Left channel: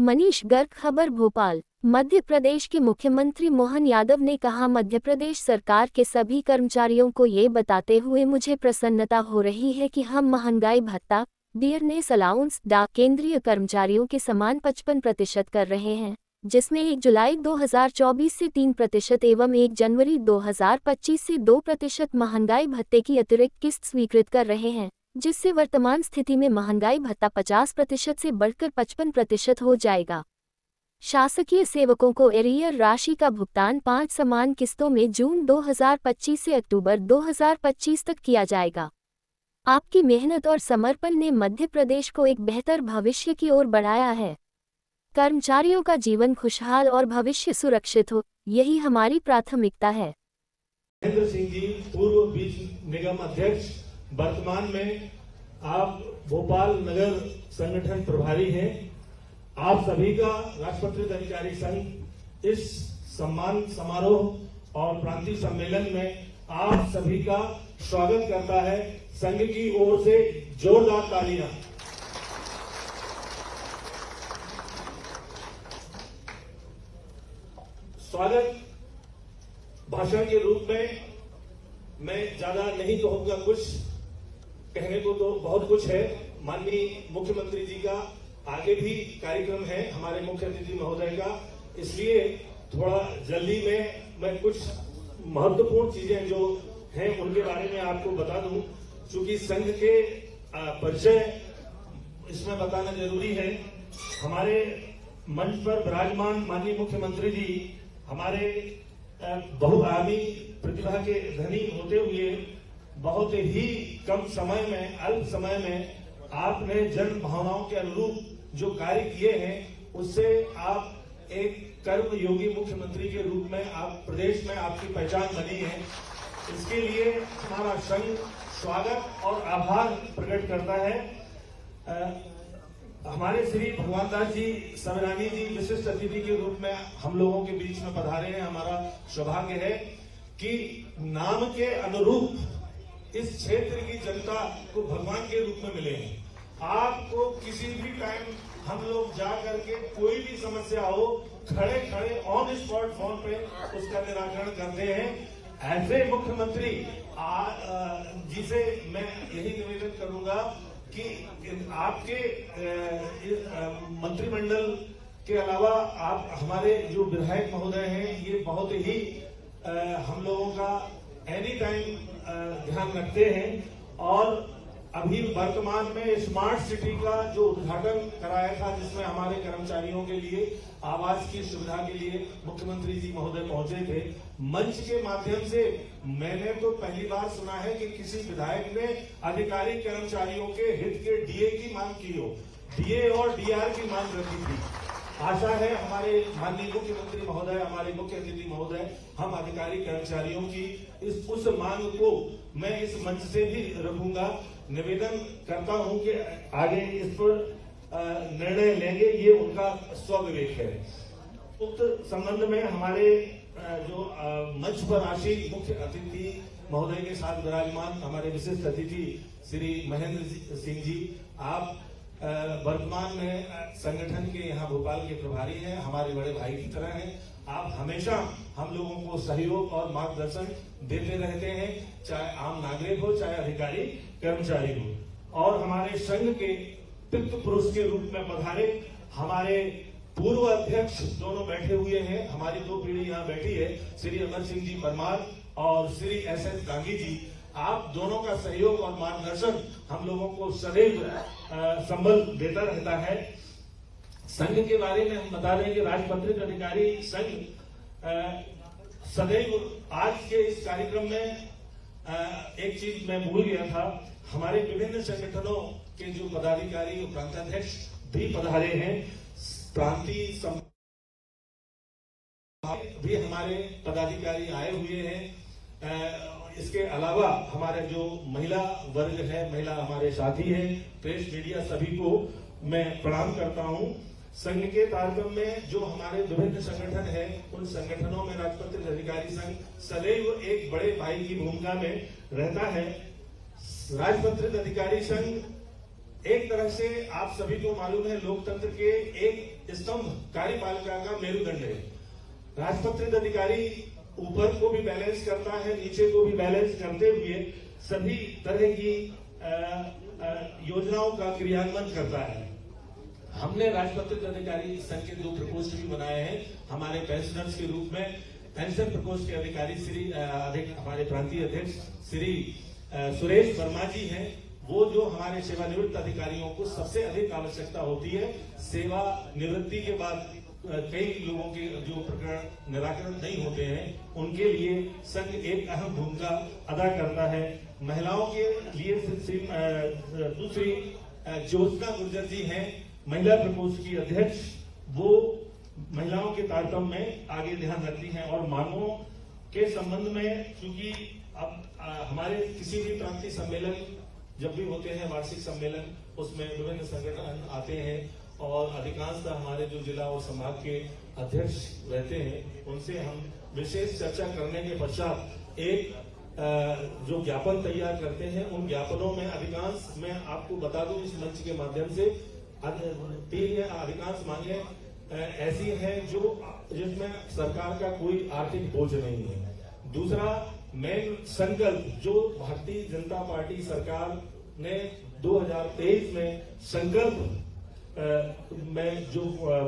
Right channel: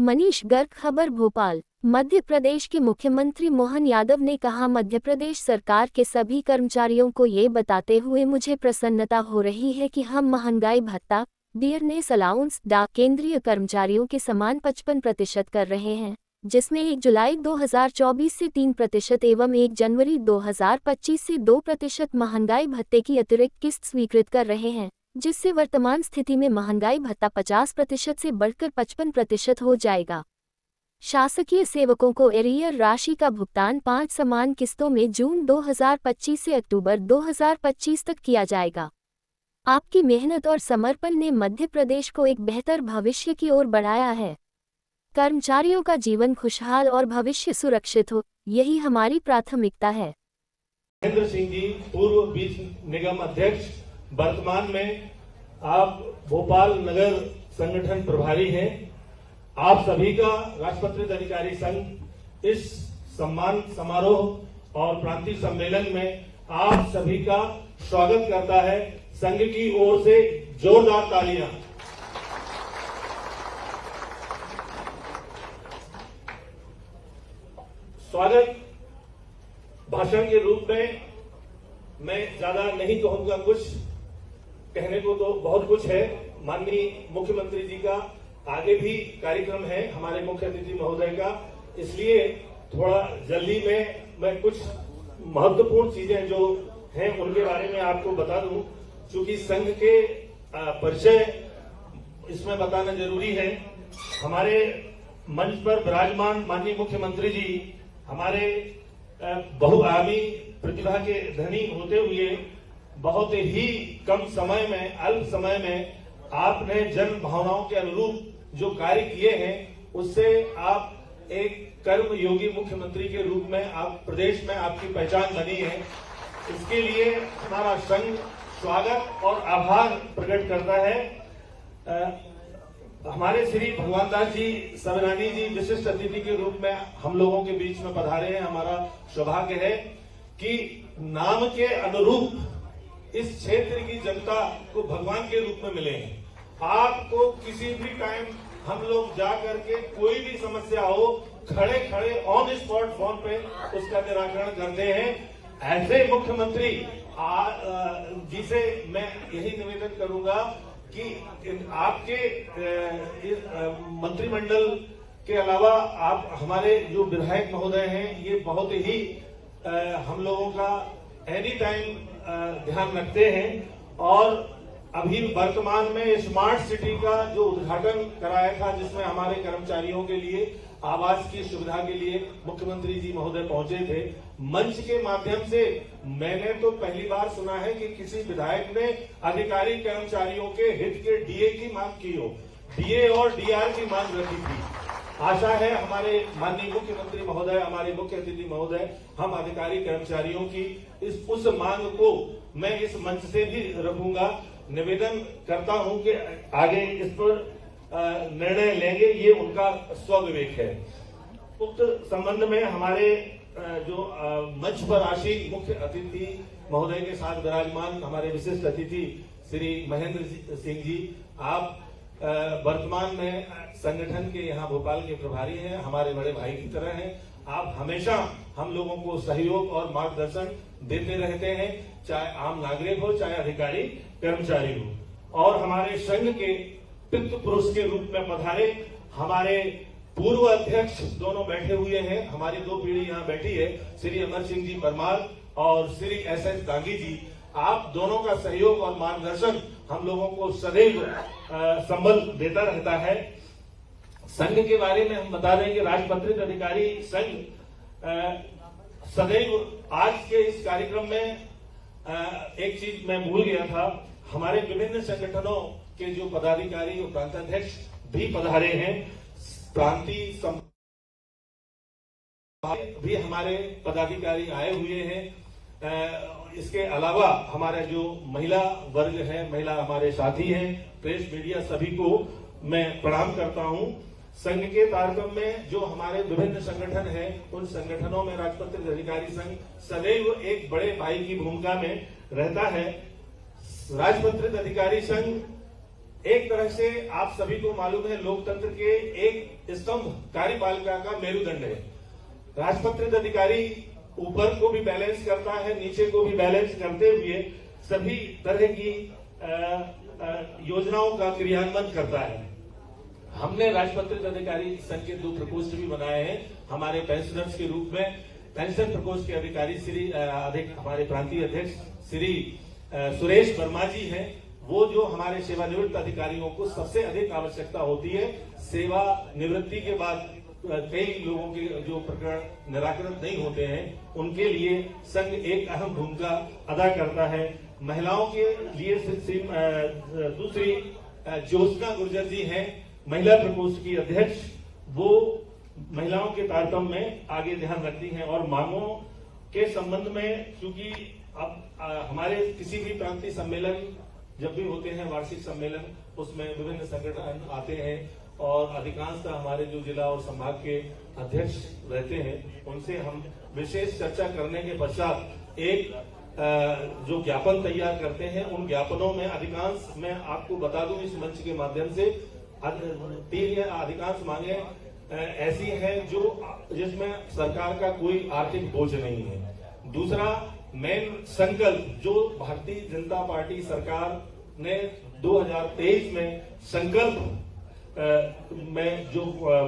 मनीष गर्ग, खबर भोपाल। मध्य प्रदेश के मुख्यमंत्री मोहन यादव ने कहा, मध्य प्रदेश सरकार के सभी कर्मचारियों को ये बताते हुए मुझे प्रसन्नता हो रही है कि हम महंगाई भत्ता, डियरनेस अलाउंस, डाक केंद्रीय कर्मचारियों के समान 55% कर रहे हैं, जिसमें 1 जुलाई 2024 से 3% एवं 1 जनवरी 2025 से 2% महंगाई भत्ते की अतिरिक्त किस्त स्वीकृत कर रहे हैं, जिससे वर्तमान स्थिति में महंगाई भत्ता 50% से बढ़कर 55% हो जाएगा। शासकीय सेवकों को एरियर राशि का भुगतान 5 समान किस्तों में जून 2025 से अक्टूबर 2025 तक किया जाएगा। आपकी मेहनत और समर्पण ने मध्य प्रदेश को एक बेहतर भविष्य की ओर बढ़ाया है। कर्मचारियों का जीवन खुशहाल और भविष्य सुरक्षित हो, यही हमारी प्राथमिकता है। महेंद्र सिंह जी, पूर्व बीज निगम अध्यक्ष, वर्तमान में आप भोपाल नगर संगठन प्रभारी हैं। आप सभी का राजपत्रित अधिकारी संघ इस सम्मान समारोह और प्रांतीय सम्मेलन में आप सभी का स्वागत करता है। संघ की ओर से जोरदार तालियां। स्वागत भाषण के रूप में मैं ज्यादा नहीं कहूंगा, कुछ कहने को तो बहुत कुछ है। माननीय मुख्यमंत्री जी का आगे भी कार्यक्रम है, हमारे मुख्य अतिथि महोदय का, इसलिए थोड़ा जल्दी में मैं कुछ महत्वपूर्ण चीजें जो हैं उनके बारे में आपको बता दूं। चूंकि संघ के परिचय इसमें बताना जरूरी है। हमारे मंच पर विराजमान माननीय मुख्यमंत्री जी हमारे बहुआयामी प्रतिभा के धनी होते हुए बहुत ही कम समय में, अल्प समय में आपने जन भावनाओं के अनुरूप जो कार्य किए हैं, उससे आप एक कर्म योगी मुख्यमंत्री के रूप में आप प्रदेश में आपकी पहचान बनी है। इसके लिए हमारा संघ स्वागत और आभार प्रकट करता है। हमारे श्री भगवान दास जी सवनानी जी विशिष्ट अतिथि के रूप में हम लोगों के बीच में पधारे हैं। हमारा सौभाग्य है कि नाम के अनुरूप इस क्षेत्र की जनता को भगवान के रूप में मिले हैं। आपको किसी भी टाइम हम लोग जा करके कोई भी समस्या हो, खड़े खड़े ऑन स्पॉट फोन पे उसका निराकरण करते हैं। ऐसे मुख्यमंत्री जिसे मैं यही निवेदन करूंगा कि आपके मंत्रिमंडल के अलावा आप हमारे जो विधायक महोदय हैं, ये बहुत ही हम लोगों का एनी टाइम ध्यान रखते हैं। और अभी वर्तमान में स्मार्ट सिटी का जो उद्घाटन कराया था, जिसमें हमारे कर्मचारियों के लिए आवास की सुविधा के लिए मुख्यमंत्री जी महोदय पहुंचे थे। मंच के माध्यम से मैंने तो पहली बार सुना है कि किसी विधायक ने अधिकारी कर्मचारियों के हित के डीए की मांग की हो, डीए और डीआर की मांग रखी थी। आशा है हमारे माननीय मुख्यमंत्री महोदय, हमारे मुख्य अतिथि महोदय, हम अधिकारी कर्मचारियों की उस मांग को मैं इस मंच से भी रखूंगा। निवेदन करता हूं कि आगे इस पर निर्णय लेंगे, ये उनका स्वविवेक है। उक्त संबंध में हमारे जो मंच पर आसीन मुख्य अतिथि महोदय के साथ विराजमान हमारे विशिष्ट अतिथि श्री महेंद्र सिंह जी, आप वर्तमान में संगठन के यहाँ भोपाल के प्रभारी हैं, हमारे बड़े भाई की तरह हैं। आप हमेशा हम लोगों को सहयोग और मार्गदर्शन देते रहते हैं, चाहे आम नागरिक हो, चाहे अधिकारी कर्मचारी हो। और हमारे संघ के पितृ पुरुष के रूप में पधारे हमारे पूर्व अध्यक्ष दोनों बैठे हुए हैं। हमारी 2 पीढ़ी यहाँ बैठी है, श्री अमर सिंह जी परमार और श्री एस.एस. गांधी जी। आप दोनों का सहयोग और मार्गदर्शन हम लोगों को सदैव संबल देता रहता है। संघ के बारे में हम बता दें कि राजपत्रित अधिकारी संघ सदैव आज के इस कार्यक्रम में एक चीज मैं भूल गया था, हमारे विभिन्न संगठनों के जो पदाधिकारी और प्रांताध्यक्ष भी पधारे हैं। प्रांतीय भी हमारे पदाधिकारी आए हुए हैं। इसके अलावा हमारे जो महिला वर्ग है, महिला हमारे साथी हैं, प्रेस मीडिया, सभी को मैं प्रणाम करता हूं। संघ के तारतम्य में जो हमारे विभिन्न संगठन हैं, उन संगठनों में राजपत्रित अधिकारी संघ सदैव एक बड़े भाई की भूमिका में रहता है। राजपत्रित अधिकारी संघ एक तरह से आप सभी को मालूम है, लोकतंत्र के एक स्तंभ कार्यपालिका का मेरुदंड है। राजपत्रित अधिकारी ऊपर को भी बैलेंस करता है, नीचे को भी बैलेंस करते हुए सभी तरह की योजनाओं का क्रियान्वयन करता है। हमने राजपत्रित अधिकारी संघ के 2 प्रकोष्ठ भी बनाए हैं। हमारे पेंशनर्स के रूप में पेंशन प्रकोष्ठ के अधिकारी हमारे प्रांतीय अध्यक्ष श्री सुरेश वर्मा जी हैं। वो जो हमारे सेवानिवृत्त अधिकारियों को सबसे अधिक आवश्यकता होती है, सेवा निवृत्ति के बाद कई लोगों के जो प्रकरण निराकरण नहीं होते हैं, उनके लिए संघ एक अहम भूमिका अदा करता है। महिलाओं के लिए दूसरी ज्योत्सना गुर्जर जी हैं, महिला प्रकोष्ठ की अध्यक्ष। वो महिलाओं के तारतम्य में आगे ध्यान रखती हैं और मांगों के संबंध में, चूंकि अब हमारे किसी भी प्रांतीय सम्मेलन जब भी होते हैं, वार्षिक सम्मेलन, उसमें विभिन्न संगठन आते हैं और अधिकांशतः हमारे जो जिला और संभाग के अध्यक्ष रहते हैं, उनसे हम विशेष चर्चा करने के पश्चात एक जो ज्ञापन तैयार करते हैं, उन ज्ञापनों में अधिकांश, मैं आपको बता दूं इस मंच के माध्यम से, 3 या अधिकांश मांगे ऐसी हैं जिसमें सरकार का कोई आर्थिक बोझ नहीं है। दूसरा मेन संकल्प जो भारतीय जनता पार्टी सरकार ने 2023 में संकल्प में जो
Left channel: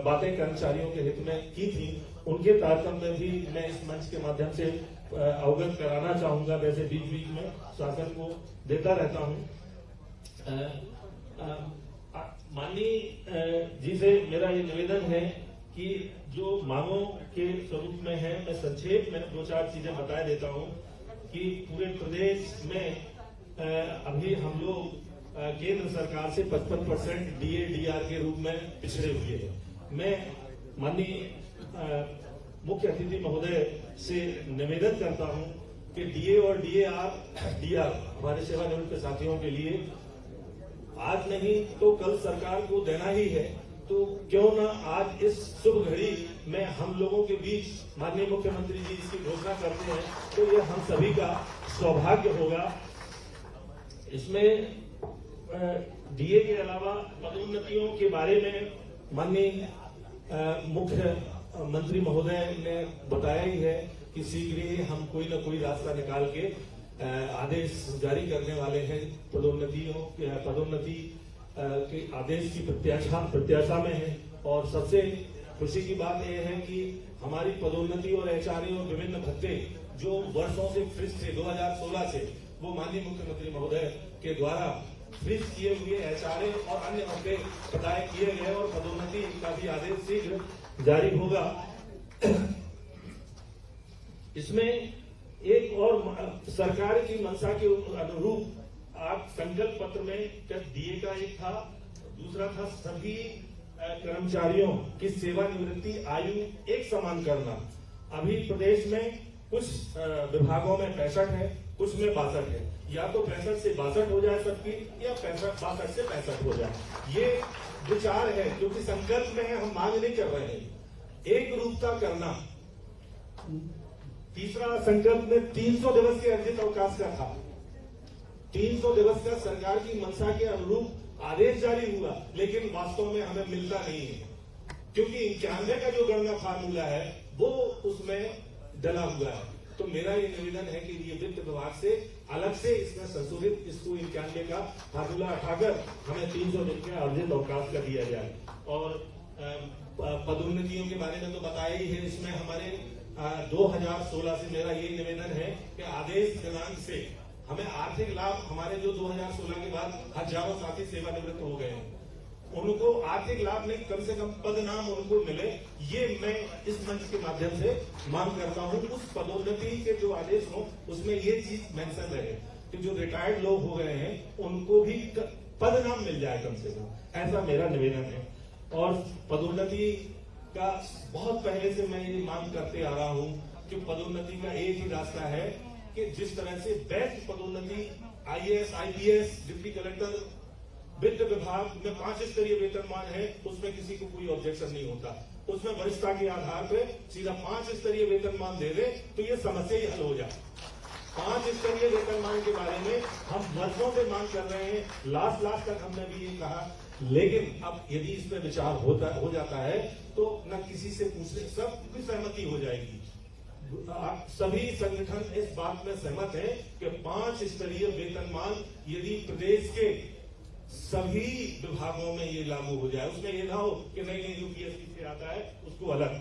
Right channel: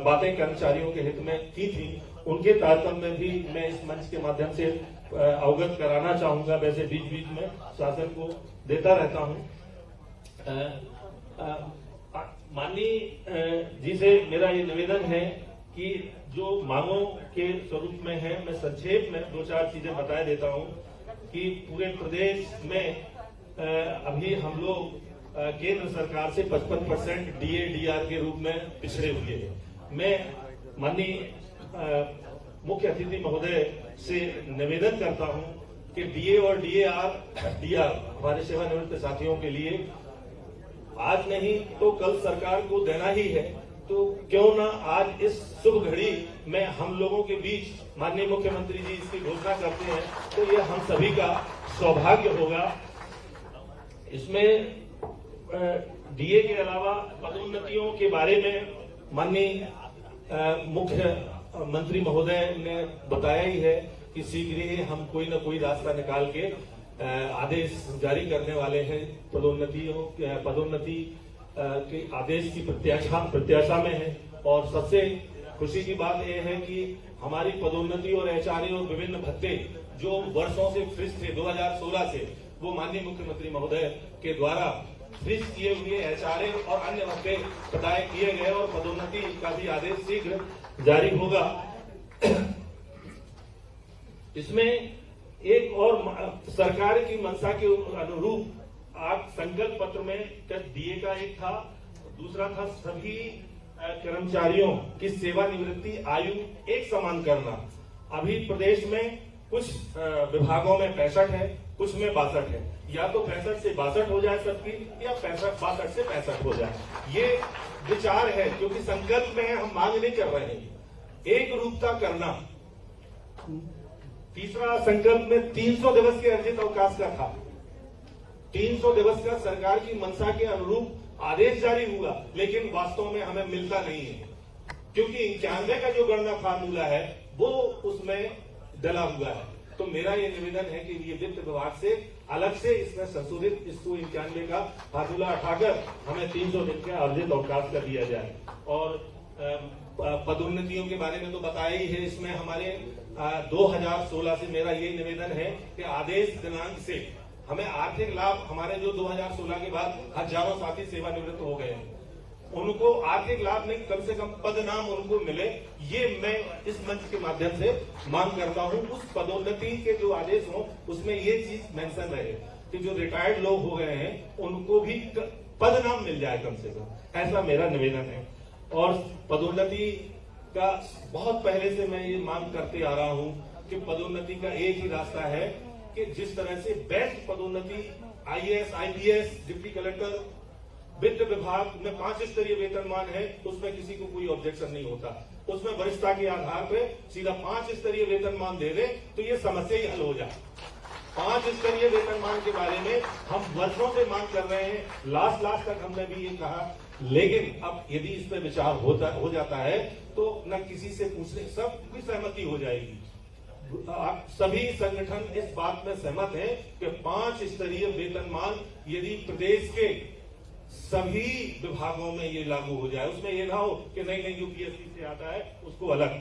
बातें कर्मचारियों के हित में की थी, उनके तारतम्य में भी मैं इस मंच के माध्यम से अवगत कराना चाहूंगा। वैसे बीच बीच में शासन को देता रहता हूं। माननीय जी से मेरा ये निवेदन है कि जो मांगों के स्वरूप में है, मैं संक्षेप में 2-4 चीजें बता देता हूं कि पूरे प्रदेश में अभी हम लोग केंद्र सरकार से 55% डीए डीआर के रूप में पिछड़े हुए हैं। मैं माननीय मुख्य अतिथि महोदय से निवेदन करता हूं कि डीए और डीआर हमारे सेवानिवृत्त साथियों के लिए आज नहीं तो कल सरकार को देना ही है, तो क्यों ना आज इस शुभ घड़ी में हम लोगों के बीच माननीय मुख्यमंत्री जी इसकी घोषणा करते हैं, तो ये हम सभी का सौभाग्य होगा। इसमें डीए के अलावा पदोन्नतियों के बारे में माननीय मुख्य मंत्री महोदय ने बताया ही है कि शीघ्र ही हम कोई न कोई रास्ता निकाल के आदेश जारी करने वाले हैं। पदोन्नति के आदेश की प्रत्याशा में है। और सबसे खुशी की बात यह है कि हमारी पदोन्नति और एचआरए और विभिन्न भत्ते जो वर्षों से फ्रीज थे 2016 से, वो माननीय मुख्यमंत्री महोदय के द्वारा फ्रीज किए हुए एचआरए और अन्य भत्ते प्रदाय किए गए और पदोन्नति का भी आदेश शीघ्र जारी होगा। इसमें एक और सरकार की मंशा के अनुरूप आज संकल्प पत्र में डीए का एक था, दूसरा था सभी कर्मचारियों की सेवानिवृत्ति आयु एक समान करना। अभी प्रदेश में कुछ विभागों में 65 है, कुछ में 62 है। या तो 65 से 62 हो जाए सबकी, या 62 से 65 हो जाए। ये विचार है, क्योंकि संकल्प में हम मांग नहीं कर रहे हैं, एक रूपता करना। तीसरा संकल्प में 300 दिवस के अर्जित अवकाश का था। 300 दिवस का सरकार की मंशा के अनुरूप आदेश जारी हुआ, लेकिन वास्तव में हमें मिलता नहीं है, क्योंकि 91 का जो गणना फार्मूला है वो उसमें डला हुआ है। तो मेरा ये निवेदन है कि ये वित्त विभाग से अलग से इसमें संशोधित इसको 91 का फार्मूला उठाकर हमें 300 दिन का अर्जित अवकाश का दिया जाए। और पदोन्नतियों के बारे में तो बताया ही है। इसमें हमारे 2016 से मेरा ये निवेदन है कि आदेश दिनांक से हमें आर्थिक लाभ, हमारे जो 2016 के बाद हजारों साथी सेवानिवृत्त हो गए हैं, उनको आर्थिक लाभ नहीं, कम से कम पद नाम उनको मिले, ये मैं इस मंच के माध्यम से मांग करता हूं। उस पदोन्नति के जो आदेश हो उसमें ये चीज मेंशन रहे कि जो रिटायर्ड लोग हो गए हैं उनको भी पद नाम मिल जाए कम से कम, ऐसा मेरा निवेदन है। और पदोन्नति का बहुत पहले से मैं ये मांग करते आ रहा हूं कि पदोन्नति का एक ही रास्ता है कि जिस तरह से बेस्ट पदोन्नति आईएएस, आईपीएस, डिप्टी कलेक्टर, वित्त विभाग में 5 स्तरीय वेतनमान है, उसमें किसी को कोई ऑब्जेक्शन नहीं होता। उसमें वरिष्ठता के आधार पे सीधा 5 स्तरीय वेतनमान दे दे तो ये समस्या ही हल हो जाए। 5 स्तरीय वेतनमान के बारे में हम वर्षों से मांग कर रहे हैं, लास्ट तक हमने भी ये कहा, लेकिन अब यदि इस पर विचार हो जाता है तो न किसी से पूछने सबकी सहमति हो जाएगी। सभी संगठन इस बात में सहमत हैं कि 5 स्तरीय वेतनमान यदि प्रदेश के सभी विभागों में ये लागू हो जाए, उसमें ये ना हो कि नहीं यूपीएससी से आता है उसको अलग,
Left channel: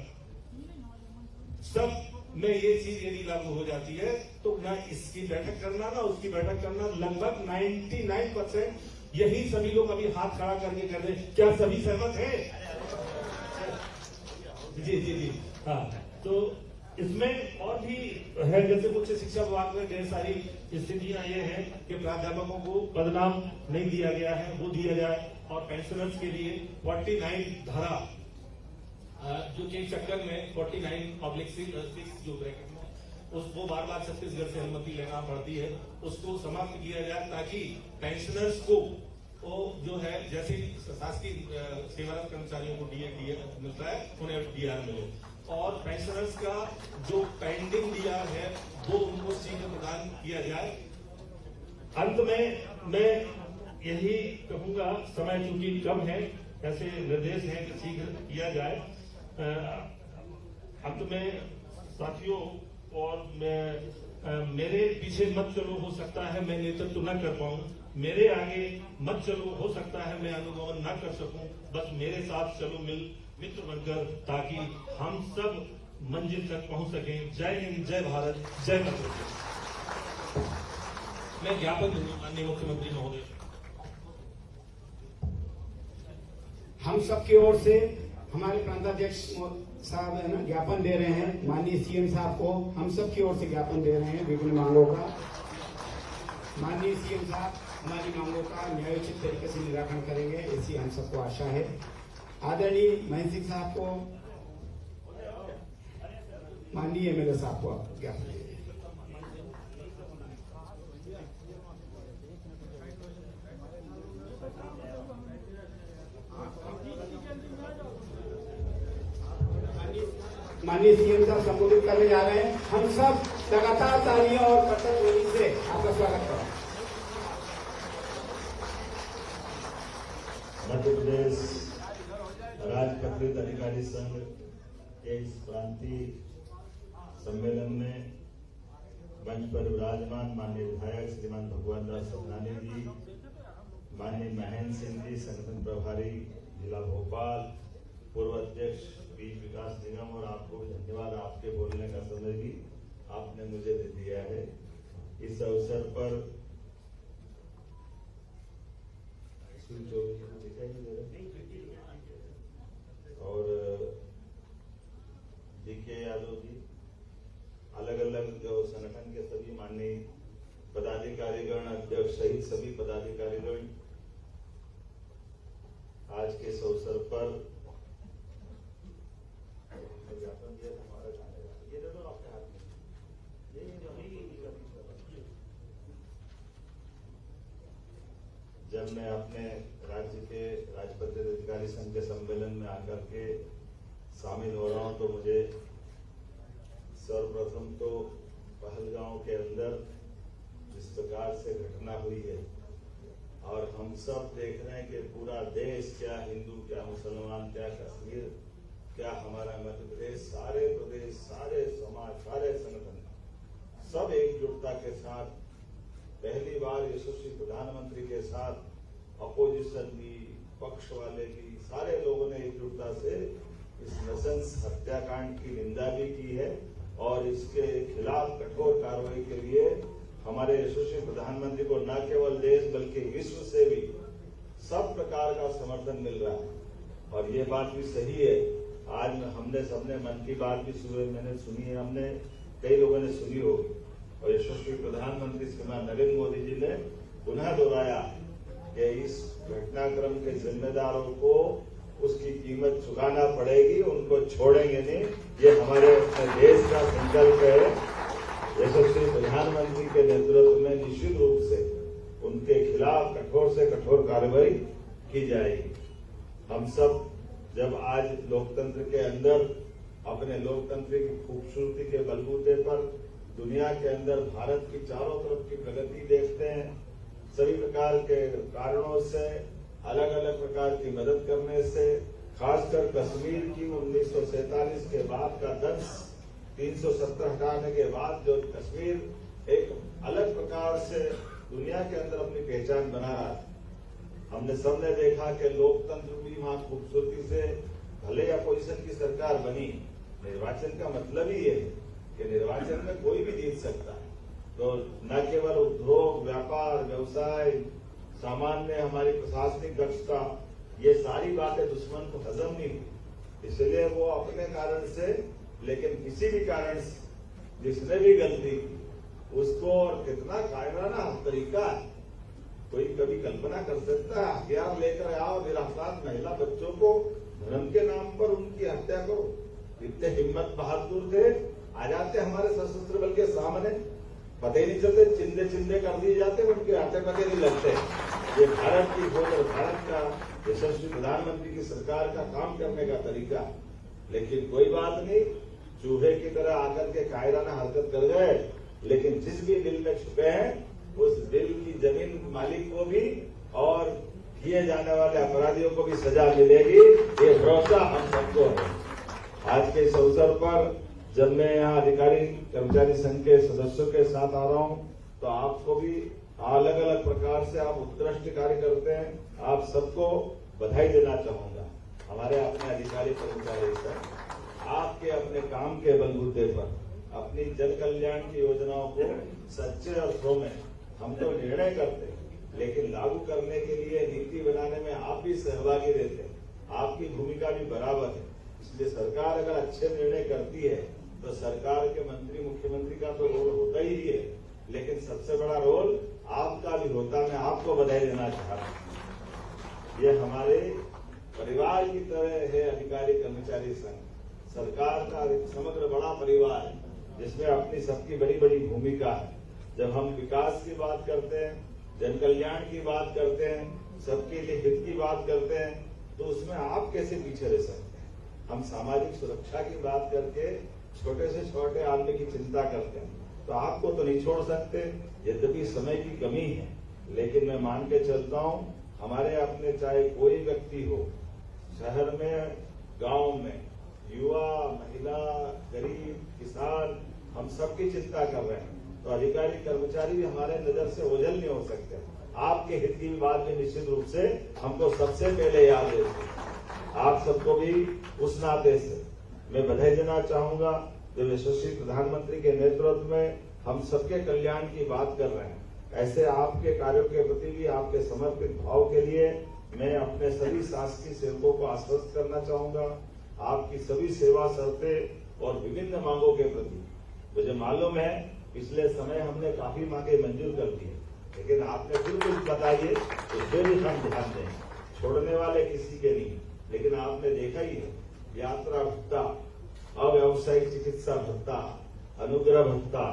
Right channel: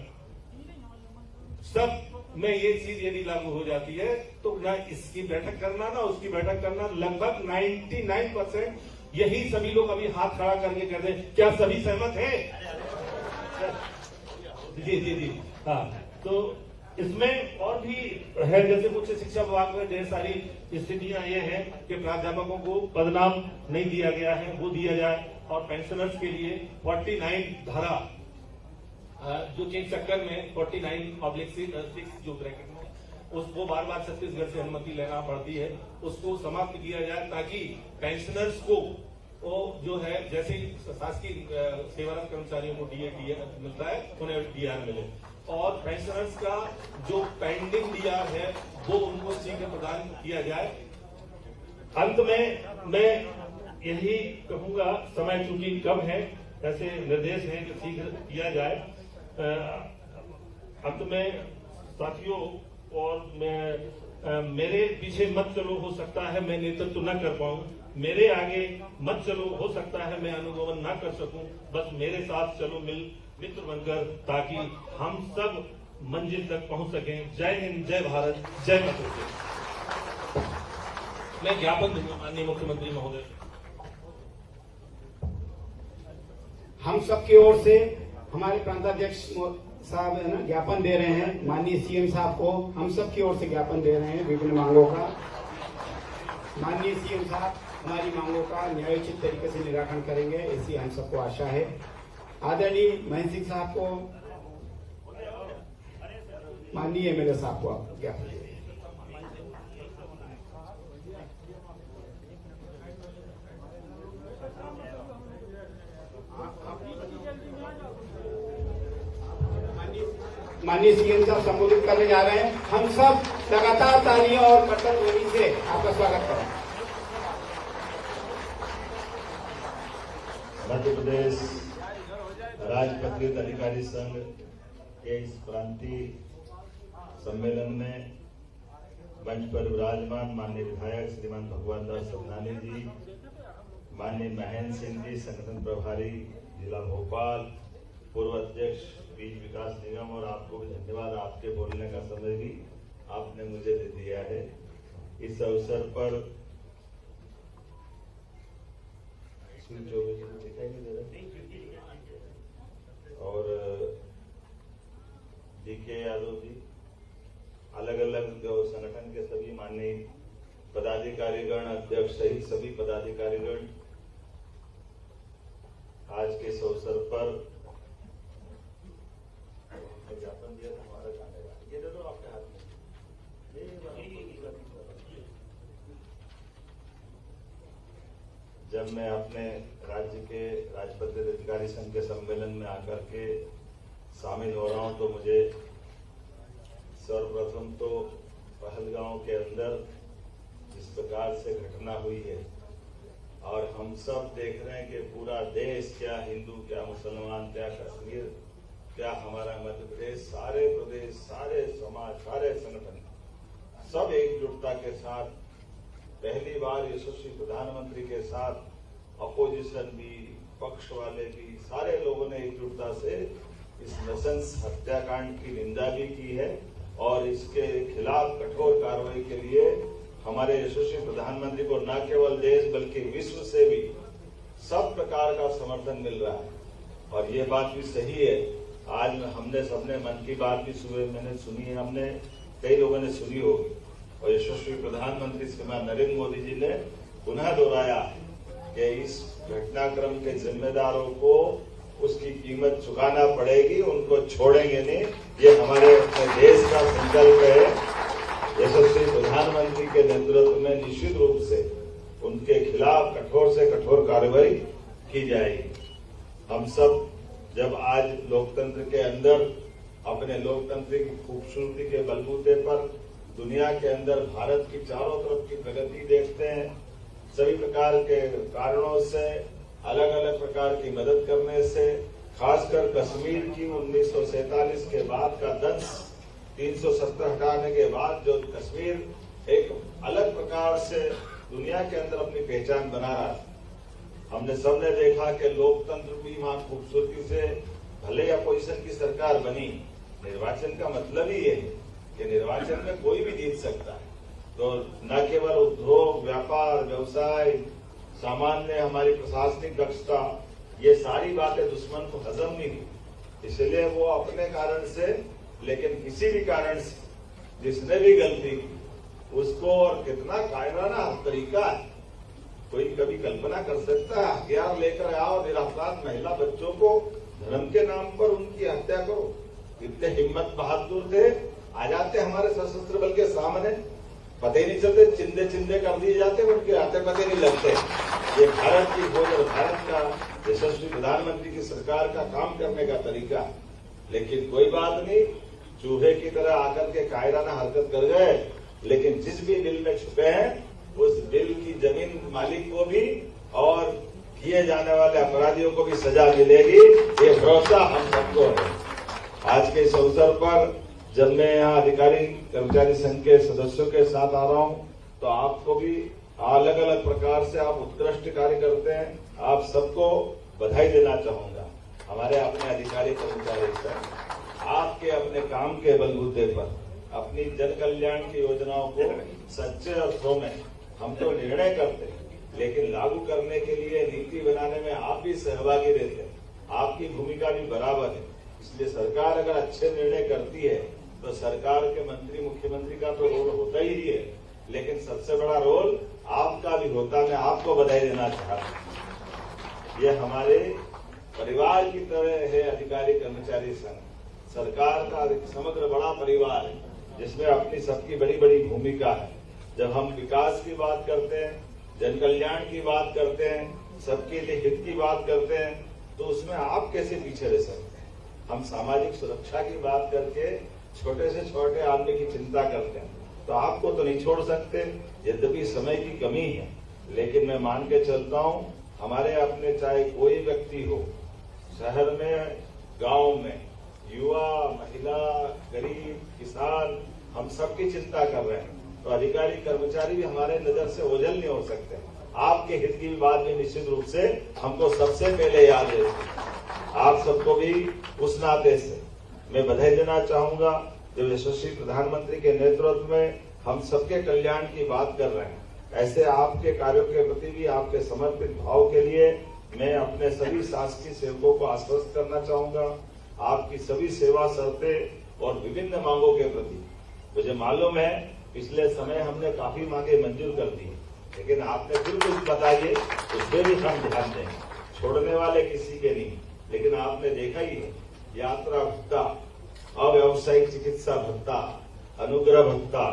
सब में ये चीज यदि लागू हो जाती है तो ना इसकी बैठक करना ना उसकी बैठक करना, लगभग 99% यही सभी लोग अभी हाथ खड़ा करके कह रहे हैं। क्या सभी सहमत हैं? जी हाँ, तो इसमें और भी है, जैसे उच्च शिक्षा विभाग में ढेर सारी स्थितियां ये हैं कि प्राध्यापकों को पदनाम नहीं दिया गया है, वो दिया जाए, और पेंशनर्स के लिए 49 धारा जो कि चक्कर में 49/6 जो ब्रैकेट में उसको बार छत्तीसगढ़ से अनुमति लेना पड़ती है, उसको समाप्त किया जाए ताकि पेंशनर्स को जो है जैसे शासकीय सेवारत कर्मचारियों को डीए मिलता है उन्हें डीआर मिले, और पेंशनर्स का जो पेंडिंग डीआर है वो उनको शीघ्र प्रदान किया जाए। अंत में मैं यही कहूंगा, समय चूंकि कम है, ऐसे निर्देश हैं कि शीघ्र किया जाए। अंत में साथियों, और मैं मेरे पीछे मत चलो, हो सकता है मैं नेतृत्व न कर पाऊं, मेरे आगे मत चलो, हो सकता है मैं अनुगमन न कर सकूं, बस मेरे साथ चलो मित्र बनकर, ताकि हम सब मंजिल तक पहुंच सकें। जय हिंद, जय भारत, जय माता। मैं ज्ञापन दूंगा माननीय मुख्यमंत्री महोदय। हम सबकी ओर से हमारे प्रांताध्यक्ष साहब है ना ज्ञापन दे रहे हैं माननीय सीएम साहब को, हम सबकी ओर से ज्ञापन दे रहे हैं विभिन्न मांगों का। माननीय सीएम साहब हमारी मांगों का न्यायोचित तरीके से निराकरण करेंगे, ऐसी हम सबको आशा है। आदरणीय महेंद्र सिंह साहब को, माननीय एमएलए साहब को आप ज्ञापन दे। माननीय सीएम साहब संबोधित करने जा रहे हैं, हम सब लगातार तालियों और कट्टर ध्वनि से आपका स्वागत करें। मध्य प्रदेश राज्य पत्रित अधिकारी संघ के इस प्रांतीय सम्मेलन में मंच पर विराजमान माननीय विधायक श्रीमान भगवान दास सतनानी जी, माननीय महेंद्र सिंह जी, संगठन प्रभारी जिला भोपाल, पूर्व अध्यक्ष बीज विकास निगम, और आपको भी धन्यवाद, आपके बोलने का समय भी आपने मुझे दे दिया है। इस अवसर पर और डीके यादव जी, अलग अलग संगठन के सभी माननीय पदाधिकारीगण, अध्यक्ष सहित सभी पदाधिकारीगण आज के इस अवसर पर ज्ञापन दिया था हमारा जाने वाला, ये दे दो आपके हाथ में। जब मैं अपने राज्य के राजपत्रित अधिकारी संघ के सम्मेलन में आकर के शामिल हो रहा हूं, तो मुझे सर्वप्रथम तो पहलगांव के अंदर जिस प्रकार से घटना हुई है, और हम सब देख रहे हैं कि पूरा देश, क्या हिंदू, क्या मुसलमान, क्या कश्मीर, क्या हमारा मध्य प्रदेश, सारे प्रदेश, सारे समाज, सारे संगठन सब एकजुटता के साथ पहली बार यशस्वी प्रधानमंत्री के साथ अपोजिशन भी, पक्ष वाले भी, सारे लोगों ने एकजुटता से इस नृशंस हत्याकांड की निंदा भी की है, और इसके खिलाफ कठोर कार्रवाई के लिए हमारे यशस्वी प्रधानमंत्री को न केवल देश बल्कि विश्व से भी सब प्रकार का समर्थन मिल रहा है। और ये बात भी सही है, आज हमने सबने मन की बात भी मैंने सुनी है, हमने कई लोगों ने सुनी होगी, और यशस्वी प्रधानमंत्री श्रीमान नरेंद्र मोदी जी ने पुनः दोहराया कि इस घटनाक्रम के जिम्मेदारों को उसकी कीमत चुकाना पड़ेगी, उनको छोड़ेंगे नहीं। ये हमारे देश का संकल्प है। यशस्वी प्रधानमंत्री के नेतृत्व में निश्चित रूप से उनके खिलाफ कठोर से कठोर कार्रवाई की जाएगी। हम सब जब आज लोकतंत्र के अंदर अपने लोकतंत्र की खूबसूरती के बलबूते पर दुनिया के अंदर भारत की चारों तरफ की प्रगति देखते हैं। सभी प्रकार के कारणों से, अलग अलग प्रकार की मदद करने से, खासकर कश्मीर की 1947 के बाद का दंश, 370 हटाने के बाद जो कश्मीर एक अलग प्रकार से दुनिया के अंदर अपनी पहचान बना रहा था। हमने सबने देखा कि लोकतंत्र भी वहां खूबसूरती से, भले अपोजिशन की सरकार बनी, निर्वाचन का मतलब ही ये है कि निर्वाचन में कोई भी जीत सकता है। तो न केवल उद्योग, व्यापार, व्यवसाय, सामान्य हमारी प्रशासनिक दक्षता, ये सारी बातें दुश्मन को हजम नहीं हुई। इसलिए वो अपने कारण से, लेकिन किसी भी कारण से जिसने भी गलती की उसको, और कितना कायराना तरीका है, कोई कभी कल्पना कर सकता है? हथियार लेकर आओ, निरापराध महिला बच्चों को धर्म के नाम पर उनकी हत्या करो। इतने हिम्मत बहादुर थे, आ जाते हमारे सशस्त्र बल के सामने, पता ही नहीं चलते, चिंदे चिंदे कर दिए जाते, उनके हाथे पते नहीं लगते। ये भारत की फौज और भारत का यशस्वी प्रधानमंत्री की सरकार का काम करने का तरीका है। लेकिन कोई बात नहीं, चूहे की तरह आकर के कायराना हरकत कर गए, लेकिन जिस भी बिल में छुपे हैं उस बिल की जमीन मालिक को भी और किए जाने वाले अपराधियों को भी सजा मिलेगी, ये भरोसा हम सबको है। आज के इस अवसर पर जब मैं यहाँ अधिकारी कर्मचारी संघ के सदस्यों के साथ आ रहा हूँ, तो आपको भी अलग अलग प्रकार से आप उत्कृष्ट कार्य करते हैं, आप सबको बधाई देना चाहूंगा। हमारे अपने अधिकारी कर्मचारी संघ आपके अपने काम के बलबूते पर अपनी जन कल्याण की योजनाओं को सच्चे अर्थों में हम तो निर्णय करते हैं, लेकिन लागू करने के लिए नीति बनाने में आप भी सहभागी रहते हैं, आपकी भूमिका भी बराबर है। इसलिए सरकार अगर अच्छे निर्णय करती है तो सरकार के मंत्री, मुख्यमंत्री का तो रोल होता ही है, लेकिन सबसे बड़ा रोल आपका भी होता है। मैं आपको बधाई देना चाह रहा हूं। ये हमारे परिवार की तरह है अधिकारी कर्मचारी संघ, सरकार का एक समग्र बड़ा परिवार है जिसमें अपनी सबकी बड़ी बड़ी भूमिका है। जब हम विकास की बात करते हैं, जन कल्याण की बात करते हैं, सबके लिए हित की बात करते हैं, तो उसमें आप कैसे पीछे रह सकते हैं? हम सामाजिक सुरक्षा की बात करके छोटे से छोटे आदमी की चिंता करते हैं, तो आपको तो नहीं छोड़ सकते, यद्यपि समय की कमी है। लेकिन मैं मान के चलता हूँ, हमारे अपने चाहे कोई व्यक्ति हो, शहर में, गांव में, युवा, महिला, गरीब, किसान, हम सबकी चिंता कर रहे हैं। तो अधिकारी कर्मचारी भी हमारे नजर से ओझल नहीं हो सकते। आपके हित की बात भी निश्चित रूप से हमको सबसे पहले याद है। आप सबको भी उस नाते से मैं बधाई देना चाहूंगा, जब यशस्वी प्रधानमंत्री के नेतृत्व में हम सबके कल्याण की बात कर रहे हैं। ऐसे आपके कार्यों के प्रति भी आपके समर्पित भाव के लिए मैं अपने सभी शासकीय सेवकों को आश्वस्त करना चाहूंगा। आपकी सभी सेवा शर्तें और विभिन्न मांगों के प्रति मुझे मालूम है पिछले समय हमने काफी मांगे मंजूर कर दी, लेकिन आपने फिर कुछ बताइए, उसमें भी हम ध्यान दें, छोड़ने वाले किसी के नहीं। लेकिन आपने देखा ही है, यात्रा भत्ता, अव्यावसायिक चिकित्सा भत्ता, अनुग्रह भत्ता,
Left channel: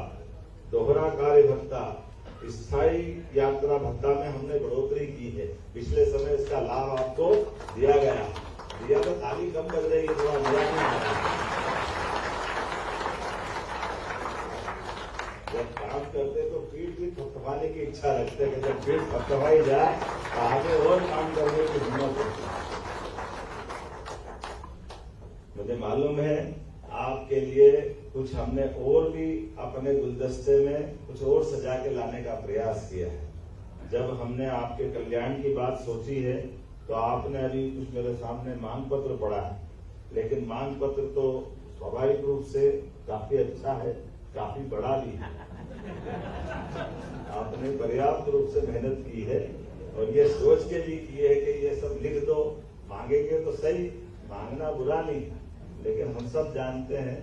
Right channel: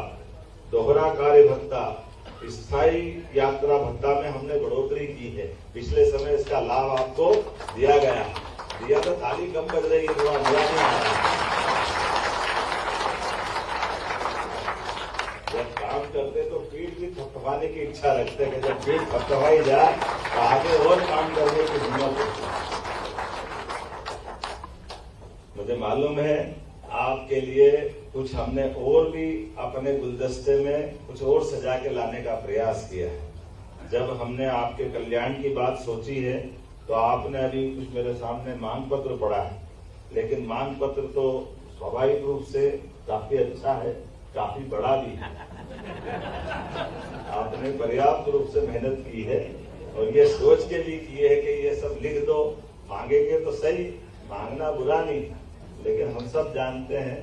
दोहरा कार्य भत्ता, स्थायी यात्रा भत्ता में हमने बढ़ोतरी की है। पिछले समय इसका लाभ आपको दिया गया, दिया तो ताली कम कर रही है, थोड़ा मजा नहीं आ रहा। जब काम करते तो पीठ भी थपथपाने की इच्छा रखते हैं कि जब पीठ थपथपाई जाए तो आगे और काम करने की हिम्मत होती है। मुझे मालूम है आपके लिए कुछ हमने और भी अपने गुलदस्ते में कुछ और सजा के लाने का प्रयास किया है। जब हमने आपके कल्याण की बात सोची है तो आपने अभी कुछ मेरे सामने मांग पत्र पढ़ा है, लेकिन मांग पत्र तो स्वाभाविक रूप से काफी अच्छा है, काफी बड़ा भी है। आपने पर्याप्त रूप से मेहनत की है और ये सोच के भी की है कि ये सब लिख दो, मांगेंगे तो सही, मांगना बुरा नहीं, लेकिन हम सब जानते हैं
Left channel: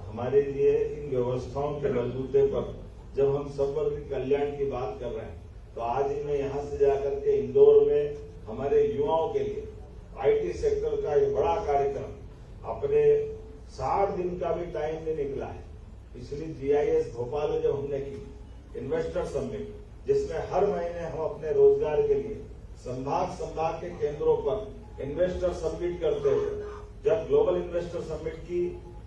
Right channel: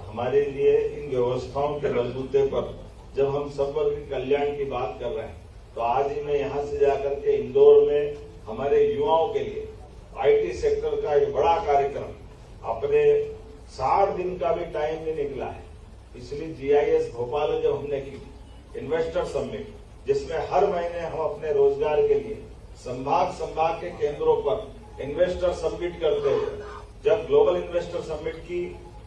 हमारे लिए इन व्यवस्थाओं के बलबूते पर जब हम सब वर्ग के कल्याण की बात कर रहे हैं, तो आज ही मैं यहाँ से जाकर के इंदौर में हमारे युवाओं के लिए आईटी सेक्टर का ये बड़ा कार्यक्रम, अपने 60 दिन का भी टाइम नहीं निकला है, इसलिए जीआईएस भोपाल में जो हमने की इन्वेस्टर समिट, जिसमें हर महीने हम अपने रोजगार के लिए संभाग के केंद्रों पर इन्वेस्टर समिट करते हुए, जब ग्लोबल इन्वेस्टर समिट की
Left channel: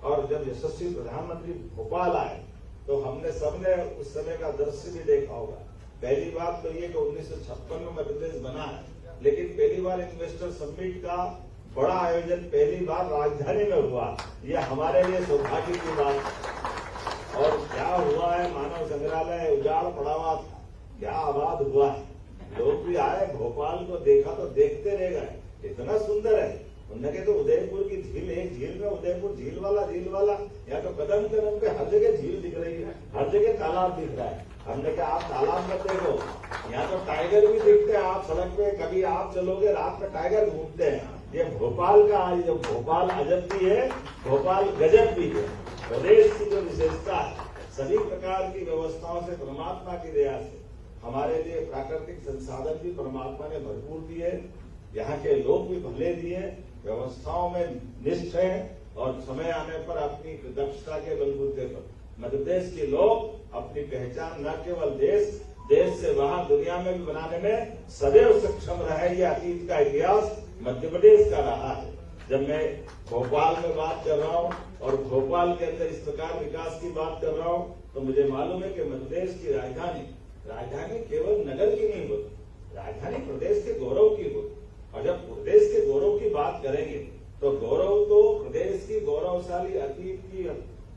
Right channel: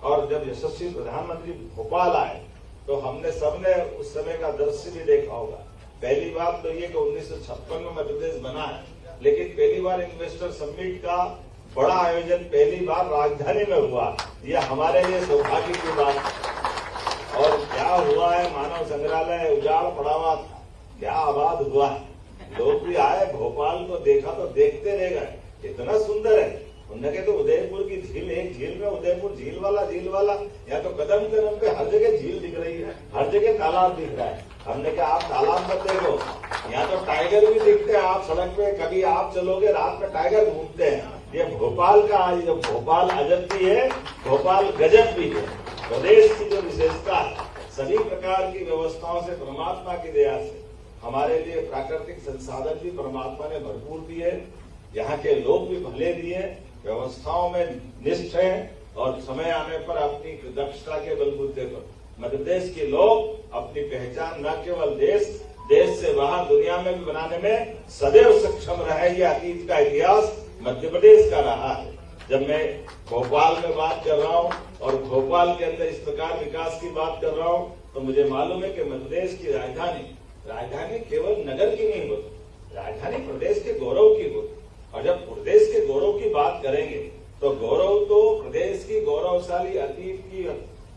और जब यशस्वी प्रधानमंत्री भोपाल आए तो हमने सबने उस समय का दृश्य भी देखा होगा। पहली बात तो ये कि 1956 में मध्य प्रदेश बना है, लेकिन पहली बार इन्वेस्टर समिट का बड़ा आयोजन पहली बार राजधानी में हुआ। यह हमारे लिए सौभाग्य की बात है। और क्या हुआ है, मानव संग्रहालय उजाड़ पड़ा हुआ, क्या आबाद हुआ है। लोग भी आए, भोपाल को देखा तो देखते रह गए, इतना सुंदर है। उन्होंने कहा तो उदयपुर की झील, एक झील में उदयपुर झील वाला यहाँ तो कदम कदम पे हर जगह झील दिख रही है, हर जगह तालाब दिख रहा है। हमने कहा आप तालाब मत देखो, यहाँ तो टाइगर भी दिखते हैं। आप सड़क पे कभी आप चलोगे, रात में टाइगर घूमते हैं। ये भोपाल का, ये भोपाल अजब भी है, भोपाल गजब भी है। प्रदेश की जो विशेषता है, सभी प्रकार की व्यवस्थाओं से परमात्मा की दया से हमारे लिए प्राकृतिक संसाधन भी परमात्मा ने भरपूर दिए, यहाँ के लोग भी भले दिए, व्यवस्थाओं में निष्ठ हैं और समय आने पर अपनी दक्षता के बलबूते पर मध्य प्रदेश के लोग अपनी पहचान न केवल देश से बाहर दुनिया में भी बनाने में सदैव सक्षम रहे। ये अतीत का इतिहास मध्य प्रदेश का रहा है। जब मैं भोपाल में बात कर रहा हूँ और भोपाल के अंदर इस प्रकार विकास की बात कर रहा हूँ, तो मुझे मालूम है कि मध्य प्रदेश की राजधानी केवल नगर की नहीं होती, राजधानी प्रदेश के गौरव की होती। और जब प्रदेश के गौरव की बात करेंगे तो गौरव तो प्रदेश की गौरवशाली अतीत की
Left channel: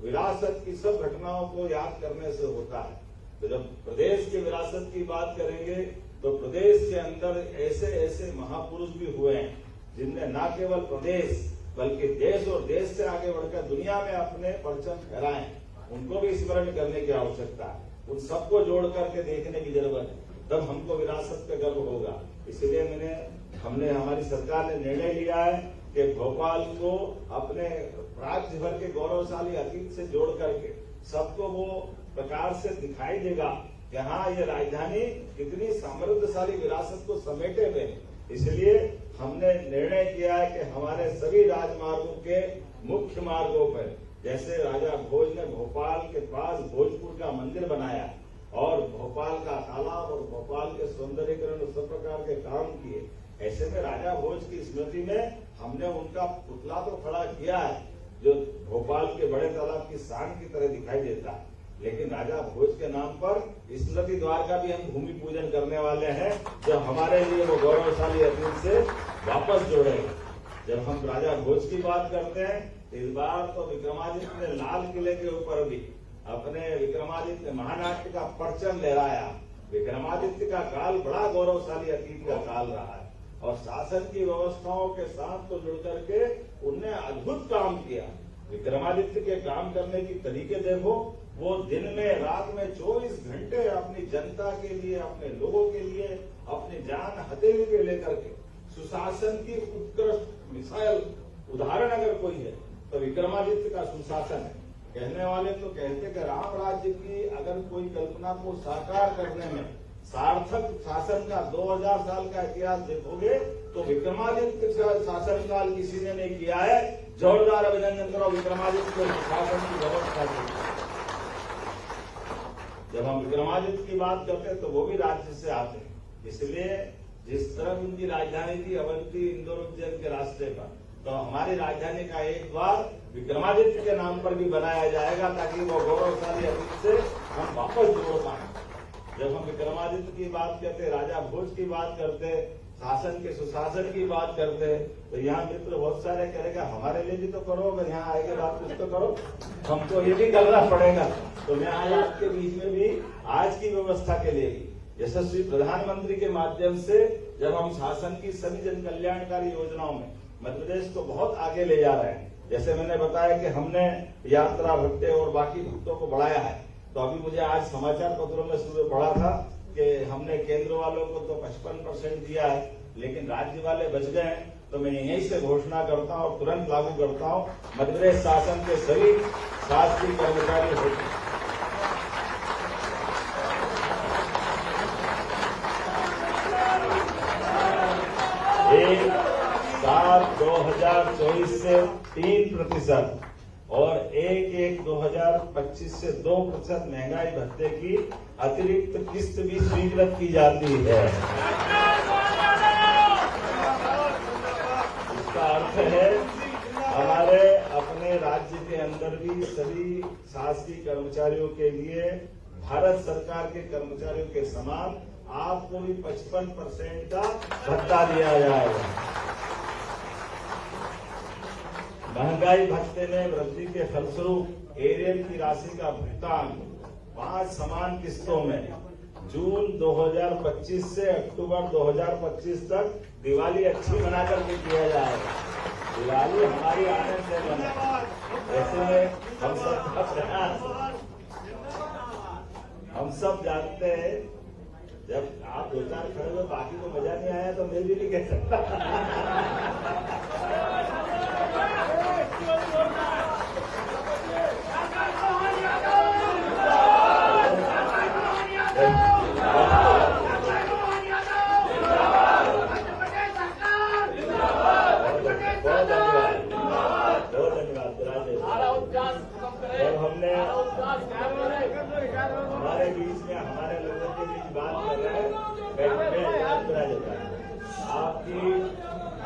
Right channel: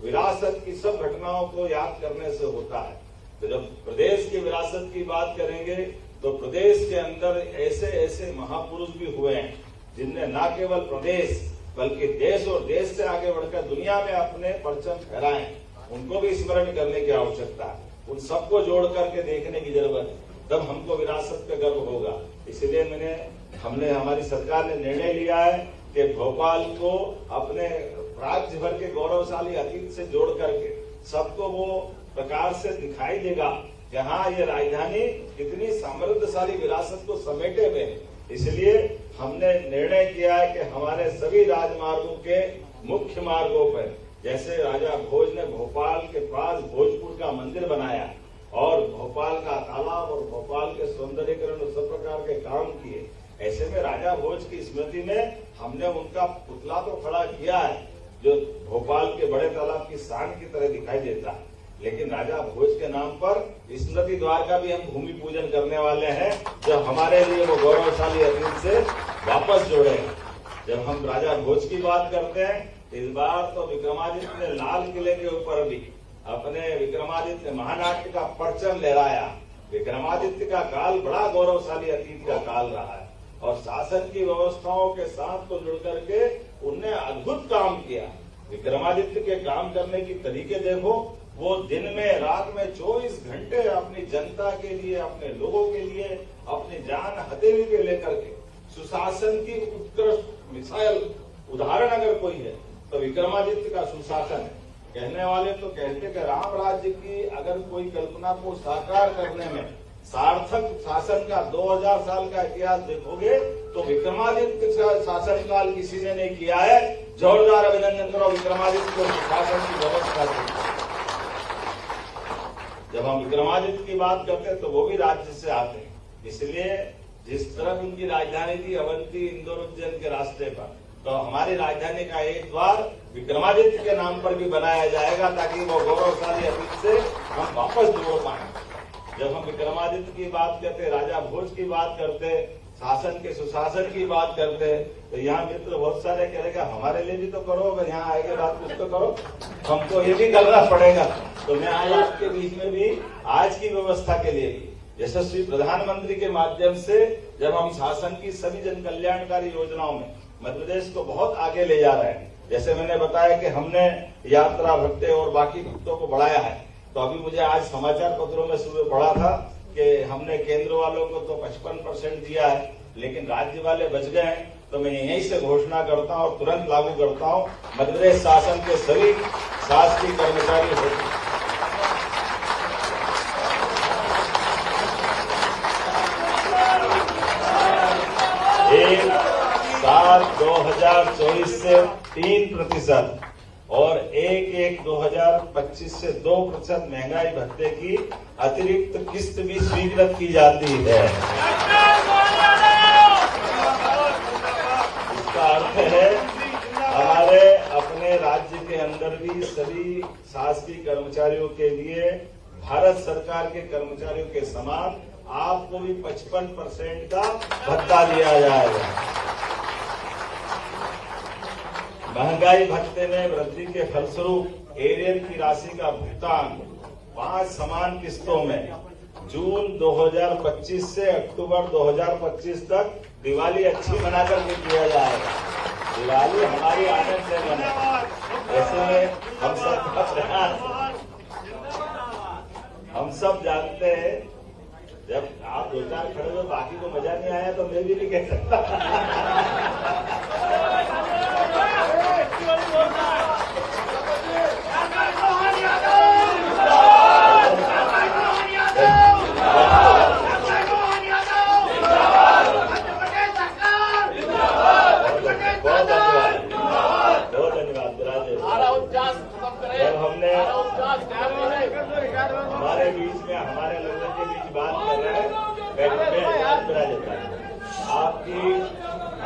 विरासत की सब घटनाओं को याद करने से होता है। तो जब प्रदेश की विरासत की बात करेंगे तो प्रदेश के अंदर ऐसे ऐसे महापुरुष भी हुए हैं जिनने न केवल प्रदेश बल्कि देश और देश से आगे बढ़कर दुनिया में अपने परचम फहराए। उनको भी स्मरण करने की आवश्यकता है, उन सबको जोड़ करके देखने की जरूरत है, तब हमको विरासत का गर्व होगा। इसलिए हमने हमारी सरकार ने निर्णय लिया है कि भोपाल को अपने राज्य भर के गौरवशाली अतीत से जोड़ करके सबको वो प्रकार से दिखाई देगा कि हाँ, ये राजधानी कितनी समृद्धशाली विरासत को समेटे हुए। इसलिए हमने निर्णय किया है कि हमारे सभी राजमार्गों के मुख्य मार्गों पर, जैसे राजा भोज ने भोपाल के पास भोजपुर का मंदिर बनाया और भोपाल का तालाब और भोपाल के सौंदर्यीकरण और सब प्रकार के काम किए, ऐसे में राजा भोज की स्मृति में हमने उनका पुतला तो खड़ा किया है जो भोपाल के बड़े तालाब की शान की तरह दिखाई देता है। लेकिन राजा भोज के नाम पर स्मृति द्वार का भी हम भूमि पूजन करने वाले हैं, जो हमारे लिए वो गौरवशाली अतीत से वापस जोड़ेगा। जब हम राजा भोज की बात करते हैं, इस बार तो विक्रमादित्य ने लाल किले के ऊपर भी अपने विक्रमादित्य महानाट्य का परचम लहराया। विक्रमादित्य का काल बड़ा गौरवशाली अतीत का काल रहा है और शासन की व्यवस्थाओं के साथ तो जुड़ करके उनने अद्भुत काम किया। विक्रमादित्य के काम करने की तरीके देखो, वो दिन में रात में 24 घंटे अपनी जनता के लिए, अपने लोगों के लिए अपनी जान हथेली पे लेकर के सुशासन की उत्कृष्ट मिसाइल उदाहरण अगर कोई है तो विक्रमादित्य का सुशासन है। कहने वाले तो कहते कि राम राज्य की अगर कोई कल्पना को साकार करने में सार्थक शासन का 2000 साल का इतिहास देखोगे तो विक्रमादित्य का शासनकाल किसी ने नहीं किया है। जोरदार अभिनंदन करो विक्रमादित्य को शासन की व्यवस्था की। जब हम विक्रमादित्य की बात करते हैं तो वो भी राज्य से आते हैं, इसलिए जिस तरफ उनकी राजधानी थी अवंती, इंदौर, उज्जैन के रास्ते पर, तो हमारी राजधानी का एक द्वार विक्रमादित्य के नाम पर भी बनाया जाएगा ताकि वो गौरवशाली अतीत से हम वापस जोड़ पाए। जब हम विक्रमादित्य की बात करते, राजा भोज की बात करते, शासन के सुशासन की बात करते, तो यहाँ मित्र बहुत सारे कहेगा हमारे लिए भी तो करो, अगर यहाँ आएंगे बात कुछ तो करो, हमको ये भी करना पड़ेगा। तो मैं आज आपके बीच में भी आज की व्यवस्था के लिए भी यशस्वी प्रधानमंत्री के माध्यम से जब हम शासन की सभी जन कल्याणकारी योजनाओं में मध्य प्रदेश को बहुत आगे ले जा रहे हैं। जैसे मैंने बताया कि हमने यात्रा भत्ते और बाकी भत्तों को बढ़ाया है, तो अभी मुझे आज समाचार पत्रों में सुबह पढ़ा था कि हमने केंद्र वालों को तो 55% दिया है, लेकिन राज्य वाले बच गए हैं। तो मैं यहीं से घोषणा करता हूं और तुरंत लागू करता हूं, मध्य प्रदेश शासन के सभी शासकीय कर्मचारी 1/7/2024 से 3% और 1/1/2025 से 2% महंगाई भत्ते की अतिरिक्त किस्त भी स्वीकृत की जाती है। इसका अर्थ है हमारे अपने राज्य के अंदर अंदर भी सभी शासकीय कर्मचारियों के लिए भारत सरकार के कर्मचारियों के समान आपको भी 55% का भत्ता दिया जाएगा। महंगाई भत्ते में वृद्धि के फलस्वरूप एरियर की राशि का भुगतान 5 समान किस्तों में जून 2025 से अक्टूबर 2025 तक दिवाली अच्छी मनाकर के किया जाएगा। दिवाली हमारी आनंद से मना, ऐसे में हम सब जानते हैं, जब आप 2-4 खड़े हो बाकी को मजा नहीं आया तो मैं भी नहीं कह सकता। जब हमने हमारे बीच में हमारे लोगों के बीच बात कर रहे हैं,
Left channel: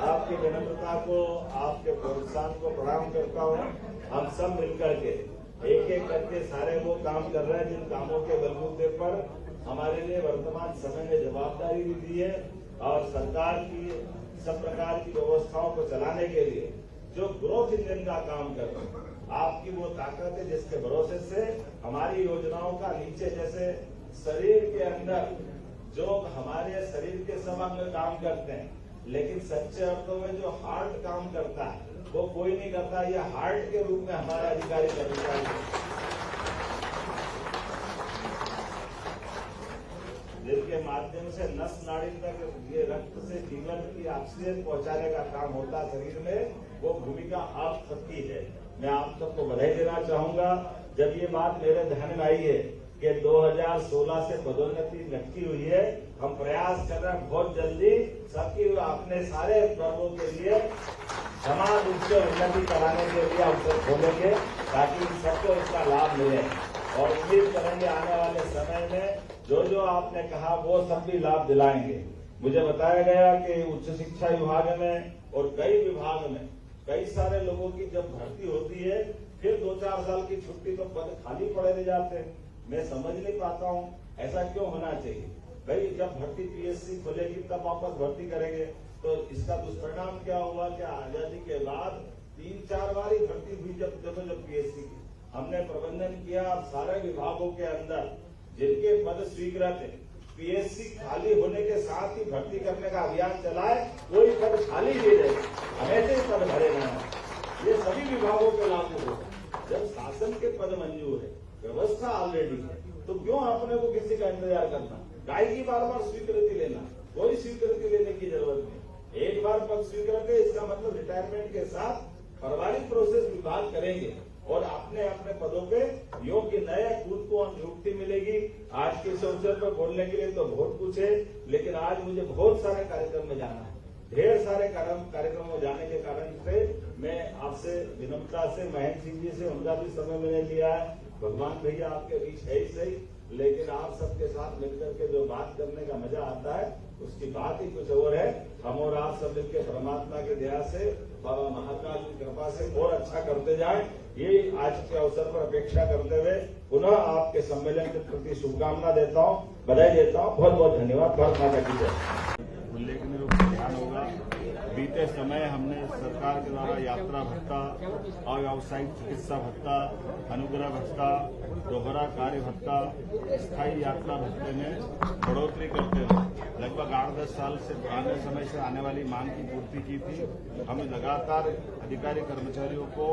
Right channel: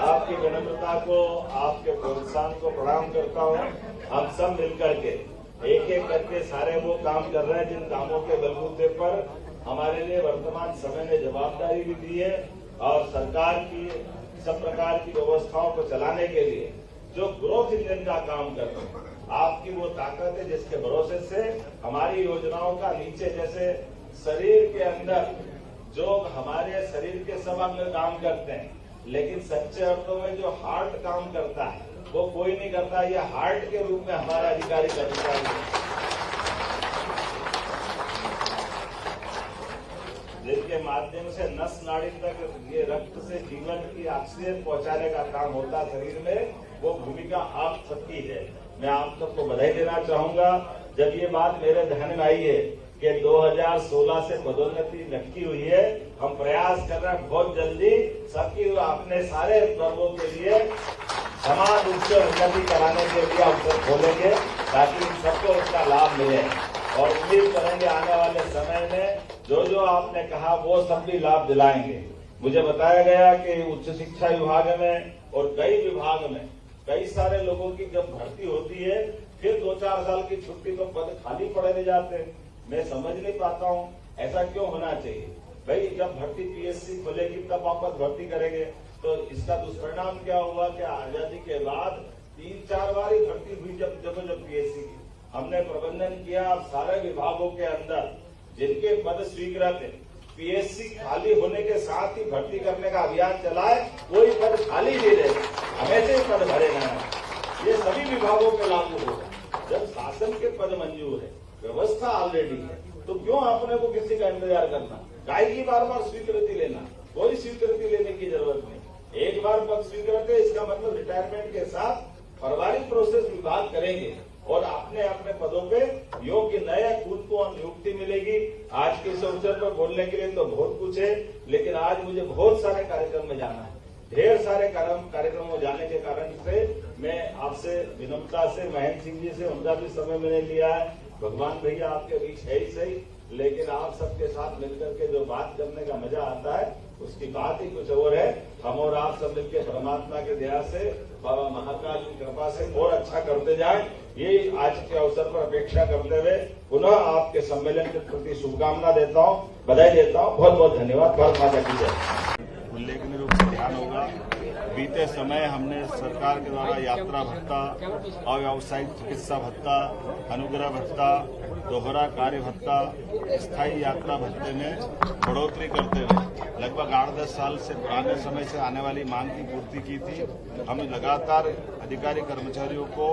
आपकी विनम्रता को, आपके प्रोत्साहन को प्रणाम करता हूँ। हम सब मिलकर के एक एक करके सारे वो काम कर रहे हैं जिन कामों के बलबूते पर हमारे लिए वर्तमान समय ने जवाबदारी भी दी है और सरकार की सब प्रकार की व्यवस्थाओं को चलाने के लिए जो ग्रोथ इंजन का काम कर रहे हैं, आपकी वो ताकत है जिसके भरोसे से हमारी योजनाओं का नीचे जैसे शरीर के अंदर जो हमारे शरीर के सब अंग काम करते हैं, लेकिन सच्चे अर्थों में जो हार्ट काम करता है वो कोई नहीं करता। ये हार्ट के रूप में हमारा अधिकारी कर्मचारी जिनके माध्यम से नस नाड़ी तक ये रक्त से जीवन की ऑक्सीजन पहुंचाने का काम होता है शरीर में, वो भूमिका आप सबकी है। मैं आप सबको बधाई देना चाहूंगा। जब ये बात मेरे ध्यान में आई है कि 2016 से पदोन्नति लटकी हुई है, हम प्रयास कर रहे हैं बहुत जल्दी सबकी अपने सारे वर्गों के लिए समान रूप से उन्नति कराने के लिए अवसर खोलेंगे ताकि सबको इसका लाभ मिले और उम्मीद करेंगे आने वाले समय में जो जो आपने कहा वो सब भी लाभ दिलाएंगे। मुझे बताया गया कि उच्च शिक्षा विभाग में और कई विभाग में कई सारे लोगों की जब भर्ती होती है फिर 2-4 साल की छुट्टी तो पद खाली पड़े नहीं जाते। मैं समझ नहीं पाता हूँ ऐसा क्यों होना चाहिए। भाई जब भर्ती पीएससी खोलेगी तब वापस भर्ती करेंगे तो इसका दुष्परिणाम क्या हुआ कि आजादी के बाद 3-4 बार ही भर्ती हुई जब पीएससी की हमने प्रबंधन किया। अब सारे विभागों के अंदर जिनके पद स्वीकृत है पीएससी खाली होने के साथ ही भर्ती करने का अभियान चलाए, कोई पद खाली नहीं रहे, हमेशा ही पद भरे गए। ये सभी विभागों के लागू होगा। जब शासन के पद मंजूर है, व्यवस्था ऑलरेडी है, तो क्यों अपने को किसी का इंतजार करना, काय की बार बार स्वीकृति लेना। कोई स्वीकृति लेने की जरूरत नहीं। एक बार पद स्वीकृत है इसका मतलब रिटायरमेंट के साथ फरवरी प्रोसेस विभाग करेंगे और अपने अपने पदों पे योग्य नया खुद को नियुक्ति मिलेगी। आज के इस अवसर पर बोलने के लिए तो बहुत कुछ है, लेकिन आज मुझे बहुत सारे कार्यक्रम में जाना है। ढेर सारे कार्यक्रमों में जाने के कारण से मैं आपसे विनम्रता से महेंद्र सिंह जी से उनका भी समय मैंने लिया है। भगवान भैया आपके बीच है ही सही, लेकिन आप सबके साथ मिलकर के जो बात करने का मजा आता है उसकी बात ही कुछ और है। हम और आप सब मिलकर परमात्मा के दया से, बाबा महाकाल की कृपा से और अच्छा करते जाएं, ये आज के अवसर पर अपेक्षा करते हुए पुनः आपके सम्मेलन के प्रति शुभकामना देता हूँ, बधाई देता हूँ। बहुत बहुत धन्यवाद। भारत माता की जय। उल्लेखनीय रूप से ध्यान होगा, बीते समय हमने सरकार के द्वारा यात्रा भत्ता, अव्यावसायिक चिकित्सा भत्ता, अनुग्रह भत्ता, दोहरा कार्य भत्ता, स्थायी यात्रा भत्ते में बढ़ोतरी करते हुए लगभग 8-10 साल से पुराने समय से आने वाली मांग की पूर्ति की थी। हम लगातार अधिकारी कर्मचारियों को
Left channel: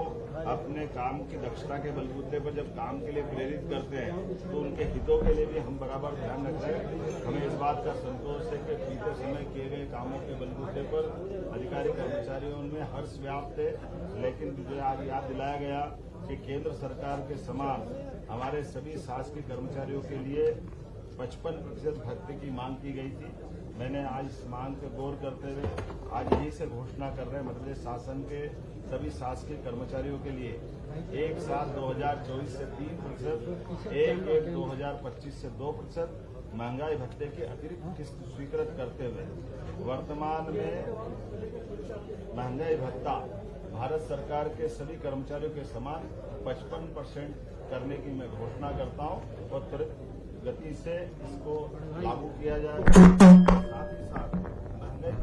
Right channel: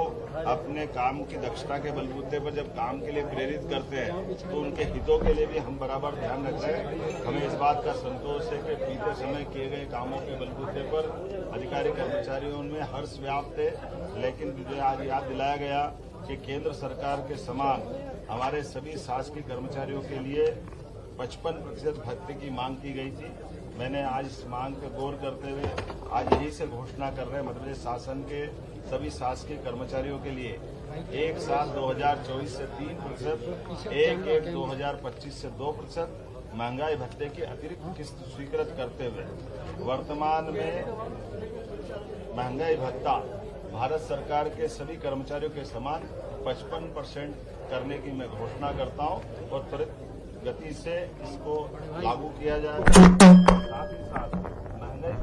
अपने काम की दक्षता के बलबूते पर जब काम के लिए प्रेरित करते हैं तो उनके हितों के लिए भी हम बराबर ध्यान रख रहे हैं। हमें इस बात का संतोष है कि बीते समय किए गए कामों के बलबूते पर अधिकारी कर्मचारियों में हर्ष व्याप्त है। लेकिन मुझे आज याद दिलाया गया कि केंद्र सरकार के समान हमारे सभी शासकीय कर्मचारियों के लिए 55% भत्ते की मांग की गई थी। मैंने आज इस मांग पर गौर करते हुए आज यही से घोषणा कर रहे हैं मध्य प्रदेश शासन के सभी शासकीय कर्मचारियों के लिए एक साल 2024 से 3%, 1/1/2025 से 2% महंगाई भत्ते की अतिरिक्त किस्त स्वीकृत करते हुए वर्तमान में महंगाई भत्ता भारत सरकार के सभी कर्मचारियों के समान 55% करने की मैं घोषणा करता हूं और त्वरित गति से इसको लागू किया जाएगा। साथ ही साथ महंगाई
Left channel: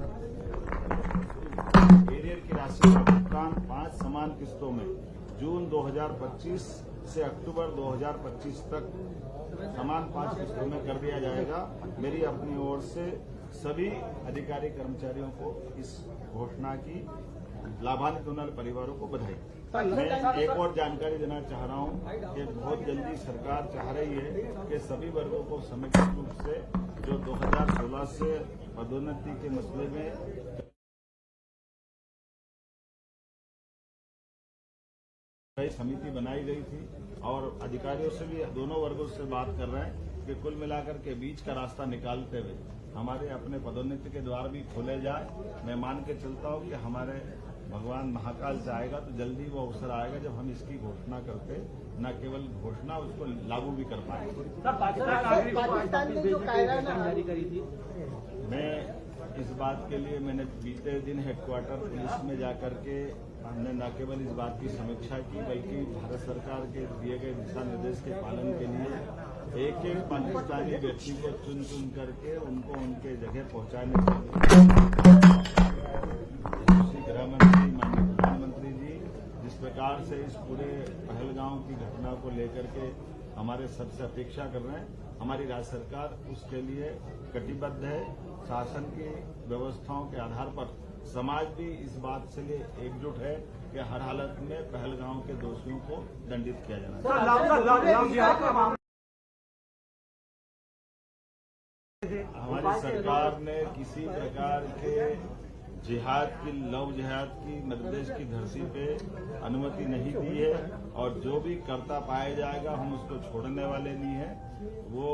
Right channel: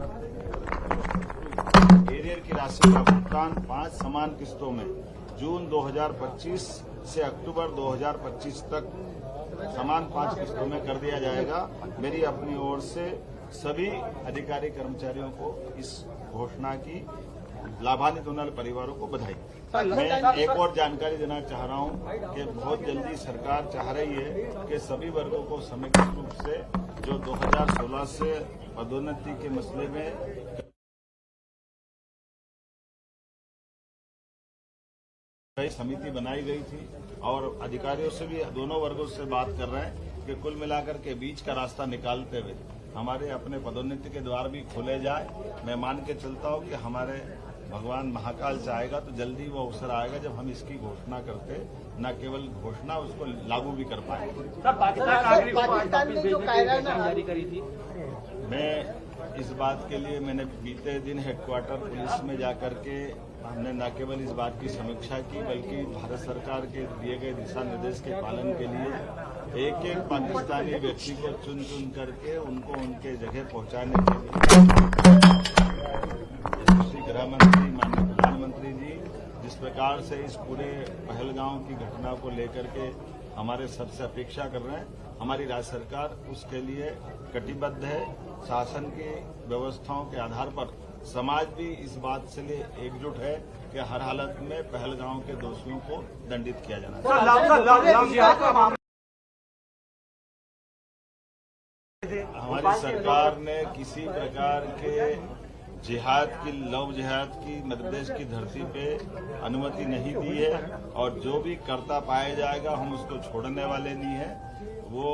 एरियर की राशि का भुगतान 5 समान किस्तों में जून 2025 से अक्टूबर 2025 तक समान 5 किस्तों में कर दिया जाएगा। मेरी अपनी ओर से सभी अधिकारी कर्मचारियों को इस घोषणा की लाभान्वित होने वाले परिवारों को बधाई। मैं एक और जानकारी देना चाह रहा हूं कि बहुत जल्दी सरकार चाह रही है कि सभी वर्गों को समेकित रूप से जो 2016 से पदोन्नति के मसले में कई समिति बनाई गई थी और अधिकारियों से भी दोनों वर्गों से बात कर रहे हैं कि कुल मिलाकर के बीच का रास्ता निकालते हुए हमारे अपने पदोन्नति के द्वार भी खोले जाए। मैं मान के चलता हूं कि हमारे भगवान महाकाल चाहेगा तो जल्दी वो अवसर आएगा जब हम इसकी घोषणा करके न केवल घोषणा उसको लागू भी कर पाएंगे। पाकिस्तान ने जो कायराना जारी करी थी, मैं इस बात के लिए मैंने बीते दिन हेडक्वार्टर पुलिस में जाकर के हमने न केवल इस बात की समीक्षा की बल्कि भारत सरकार के दिए गए दिशा निर्देश के पालन के लिए एक एक पाकिस्तानी व्यक्ति को चुन चुन करके उनको उनके जगह पहुंचाने के लिए श्री गृह मंत्री माननीय प्रधानमंत्री जी जिस प्रकार से इस पूरे पहलगांव की घटना को लेकर के हमारे सबसे अपेक्षा कर रहे हैं, हमारी राज्य सरकार उसके लिए कटिबद्ध है। शासन की व्यवस्थाओं के आधार पर समाज भी इस बात से लिए एकजुट है कि हर हालत में पहलगांव के दोषियों को दंडित किया जाना चाहिए। हमारी सरकार ने किसी प्रकार के जिहाद की लव जिहाद की मध्य प्रदेश की धरती पे अनुमति नहीं दी है और जो भी करता पाया जाएगा हम उसको छोड़ने वाले नहीं है। वो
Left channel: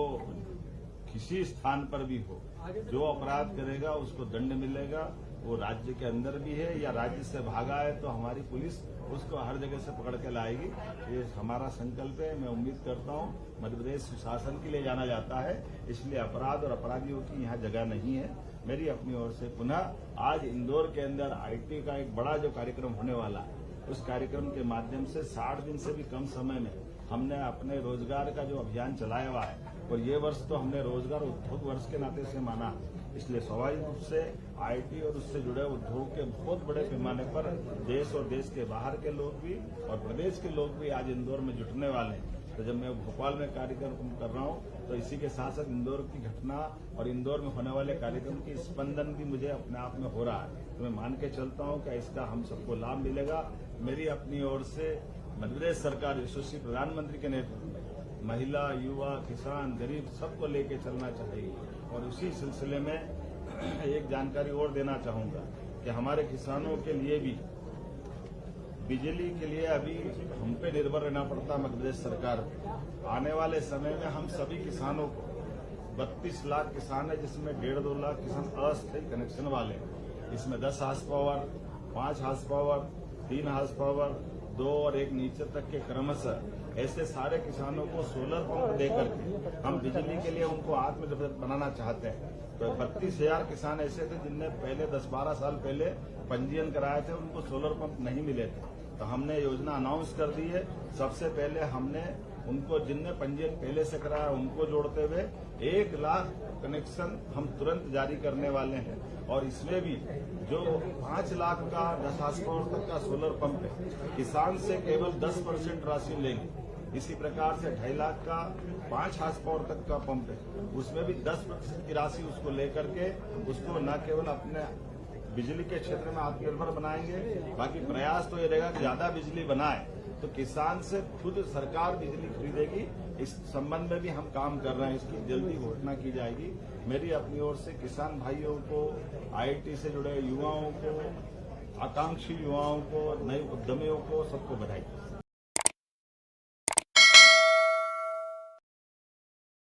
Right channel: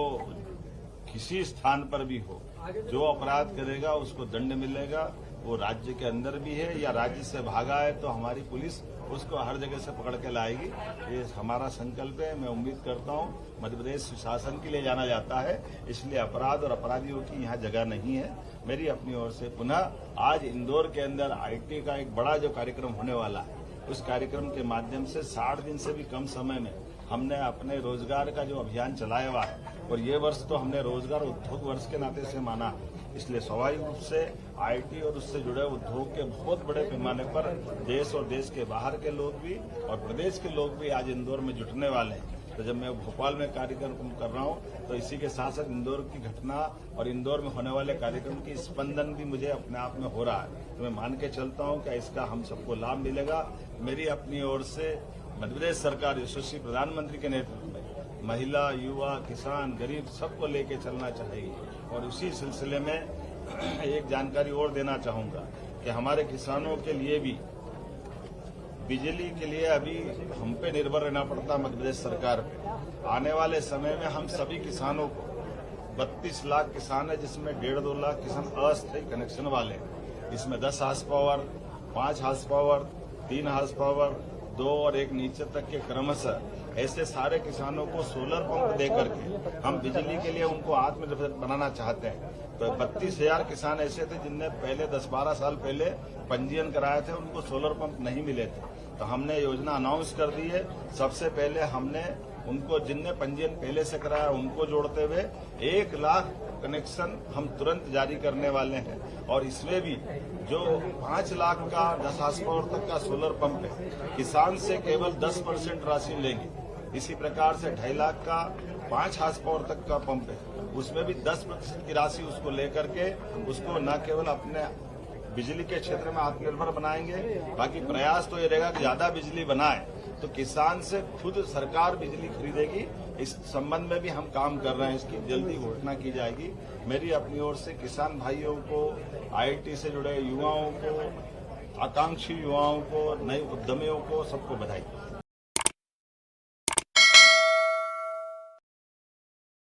किसी स्थान पर भी हो, जो अपराध करेगा उसको दंड मिलेगा। वो राज्य के अंदर भी है या राज्य से भागा है तो हमारी पुलिस उसको हर जगह से पकड़ के लाएगी। ये हमारा संकल्प है। मैं उम्मीद करता हूँ मध्य प्रदेश सुशासन के लिए जाना जाता है, इसलिए अपराध और अपराधियों की यहाँ जगह नहीं है। मेरी अपनी ओर से पुनः आज इंदौर के अंदर आईटी का एक बड़ा जो कार्यक्रम होने वाला है, उस कार्यक्रम के माध्यम से 60 दिन से भी कम समय में हमने अपने रोजगार का जो अभियान चलाया हुआ है और ये वर्ष तो हमने रोजगार उद्योग वर्ष के नाते से माना है, इसलिए स्वाभाविक रूप से आईटी और उससे जुड़े उद्योग के बहुत बड़े पैमाने पर देश और देश के बाहर के लोग भी और प्रदेश के लोग भी आज इंदौर में जुटने वाले हैं। तो जब मैं भोपाल में कार्यक्रम कर रहा हूं तो इसी के साथ साथ इंदौर की घटना और इंदौर में होने वाले कार्यक्रम की स्पंदन भी मुझे अपने आप में हो रहा है। तो मैं मान के चलता हूं कि इसका हम सबको लाभ मिलेगा। मेरी अपनी ओर से मध्य प्रदेश सरकार यशस्वी प्रधानमंत्री के नेतृत्व में महिला, युवा, किसान, गरीब सबको लेके चलना चाहिए। और उसी सिलसिले में एक जानकारी और देना चाहूंगा कि हमारे किसानों के लिए भी बिजली के लिए अभी हम पे निर्भर रहना पड़ता मध्य प्रदेश सरकार पे। आने वाले समय में हम सभी किसानों को 32 लाख किसान है जिसमें 1.5-2 लाख किसान अस्थायी कनेक्शन वाले, इसमें 10 horse power, 5 horse power, 3 horse power, 2 और 1 नीचे तक के क्रमशः ऐसे सारे किसानों को सोलर पंप देकर के हम बिजली के लिए उनको आत्मनिर्भर बनाना चाहते हैं। तो 32,000 किसान ऐसे थे जिनने पहले 10-12 साल पहले पंजीयन कराए थे, उनको सोलर पंप नहीं मिले थे। तो हमने योजना अनाउंस कर दी है। सबसे पहले हमने उनको जिनने पंजीयन पहले से कराया उनको जोड़ते हुए 1 लाख कनेक्शन हम तुरंत जारी करने वाले हैं। और इसमें भी जो 5 लाख का 10 हार्स पावर तक का सोलर पंप है, किसान से केवल 10% राशि लेंगे। इसी प्रकार से 2.5 लाख का 5 हार्स पावर तक का पंप है, उसमें भी 10% की राशि उसको लेकर के उसको न केवल अपने बिजली के क्षेत्र में आत्मनिर्भर बनाएंगे, बाकी प्रयास तो ये रहेगा कि ज्यादा बिजली बनाए तो किसान से खुद सरकार बिजली खरीदेगी। इस संबंध में भी हम काम कर रहे हैं, इसकी जल्दी घोषणा की जाएगी। मेरी अपनी ओर से किसान भाइयों को, आईटी से जुड़े युवाओं को, आकांक्षी युवाओं को, नए उद्यमियों को सबको बधाई।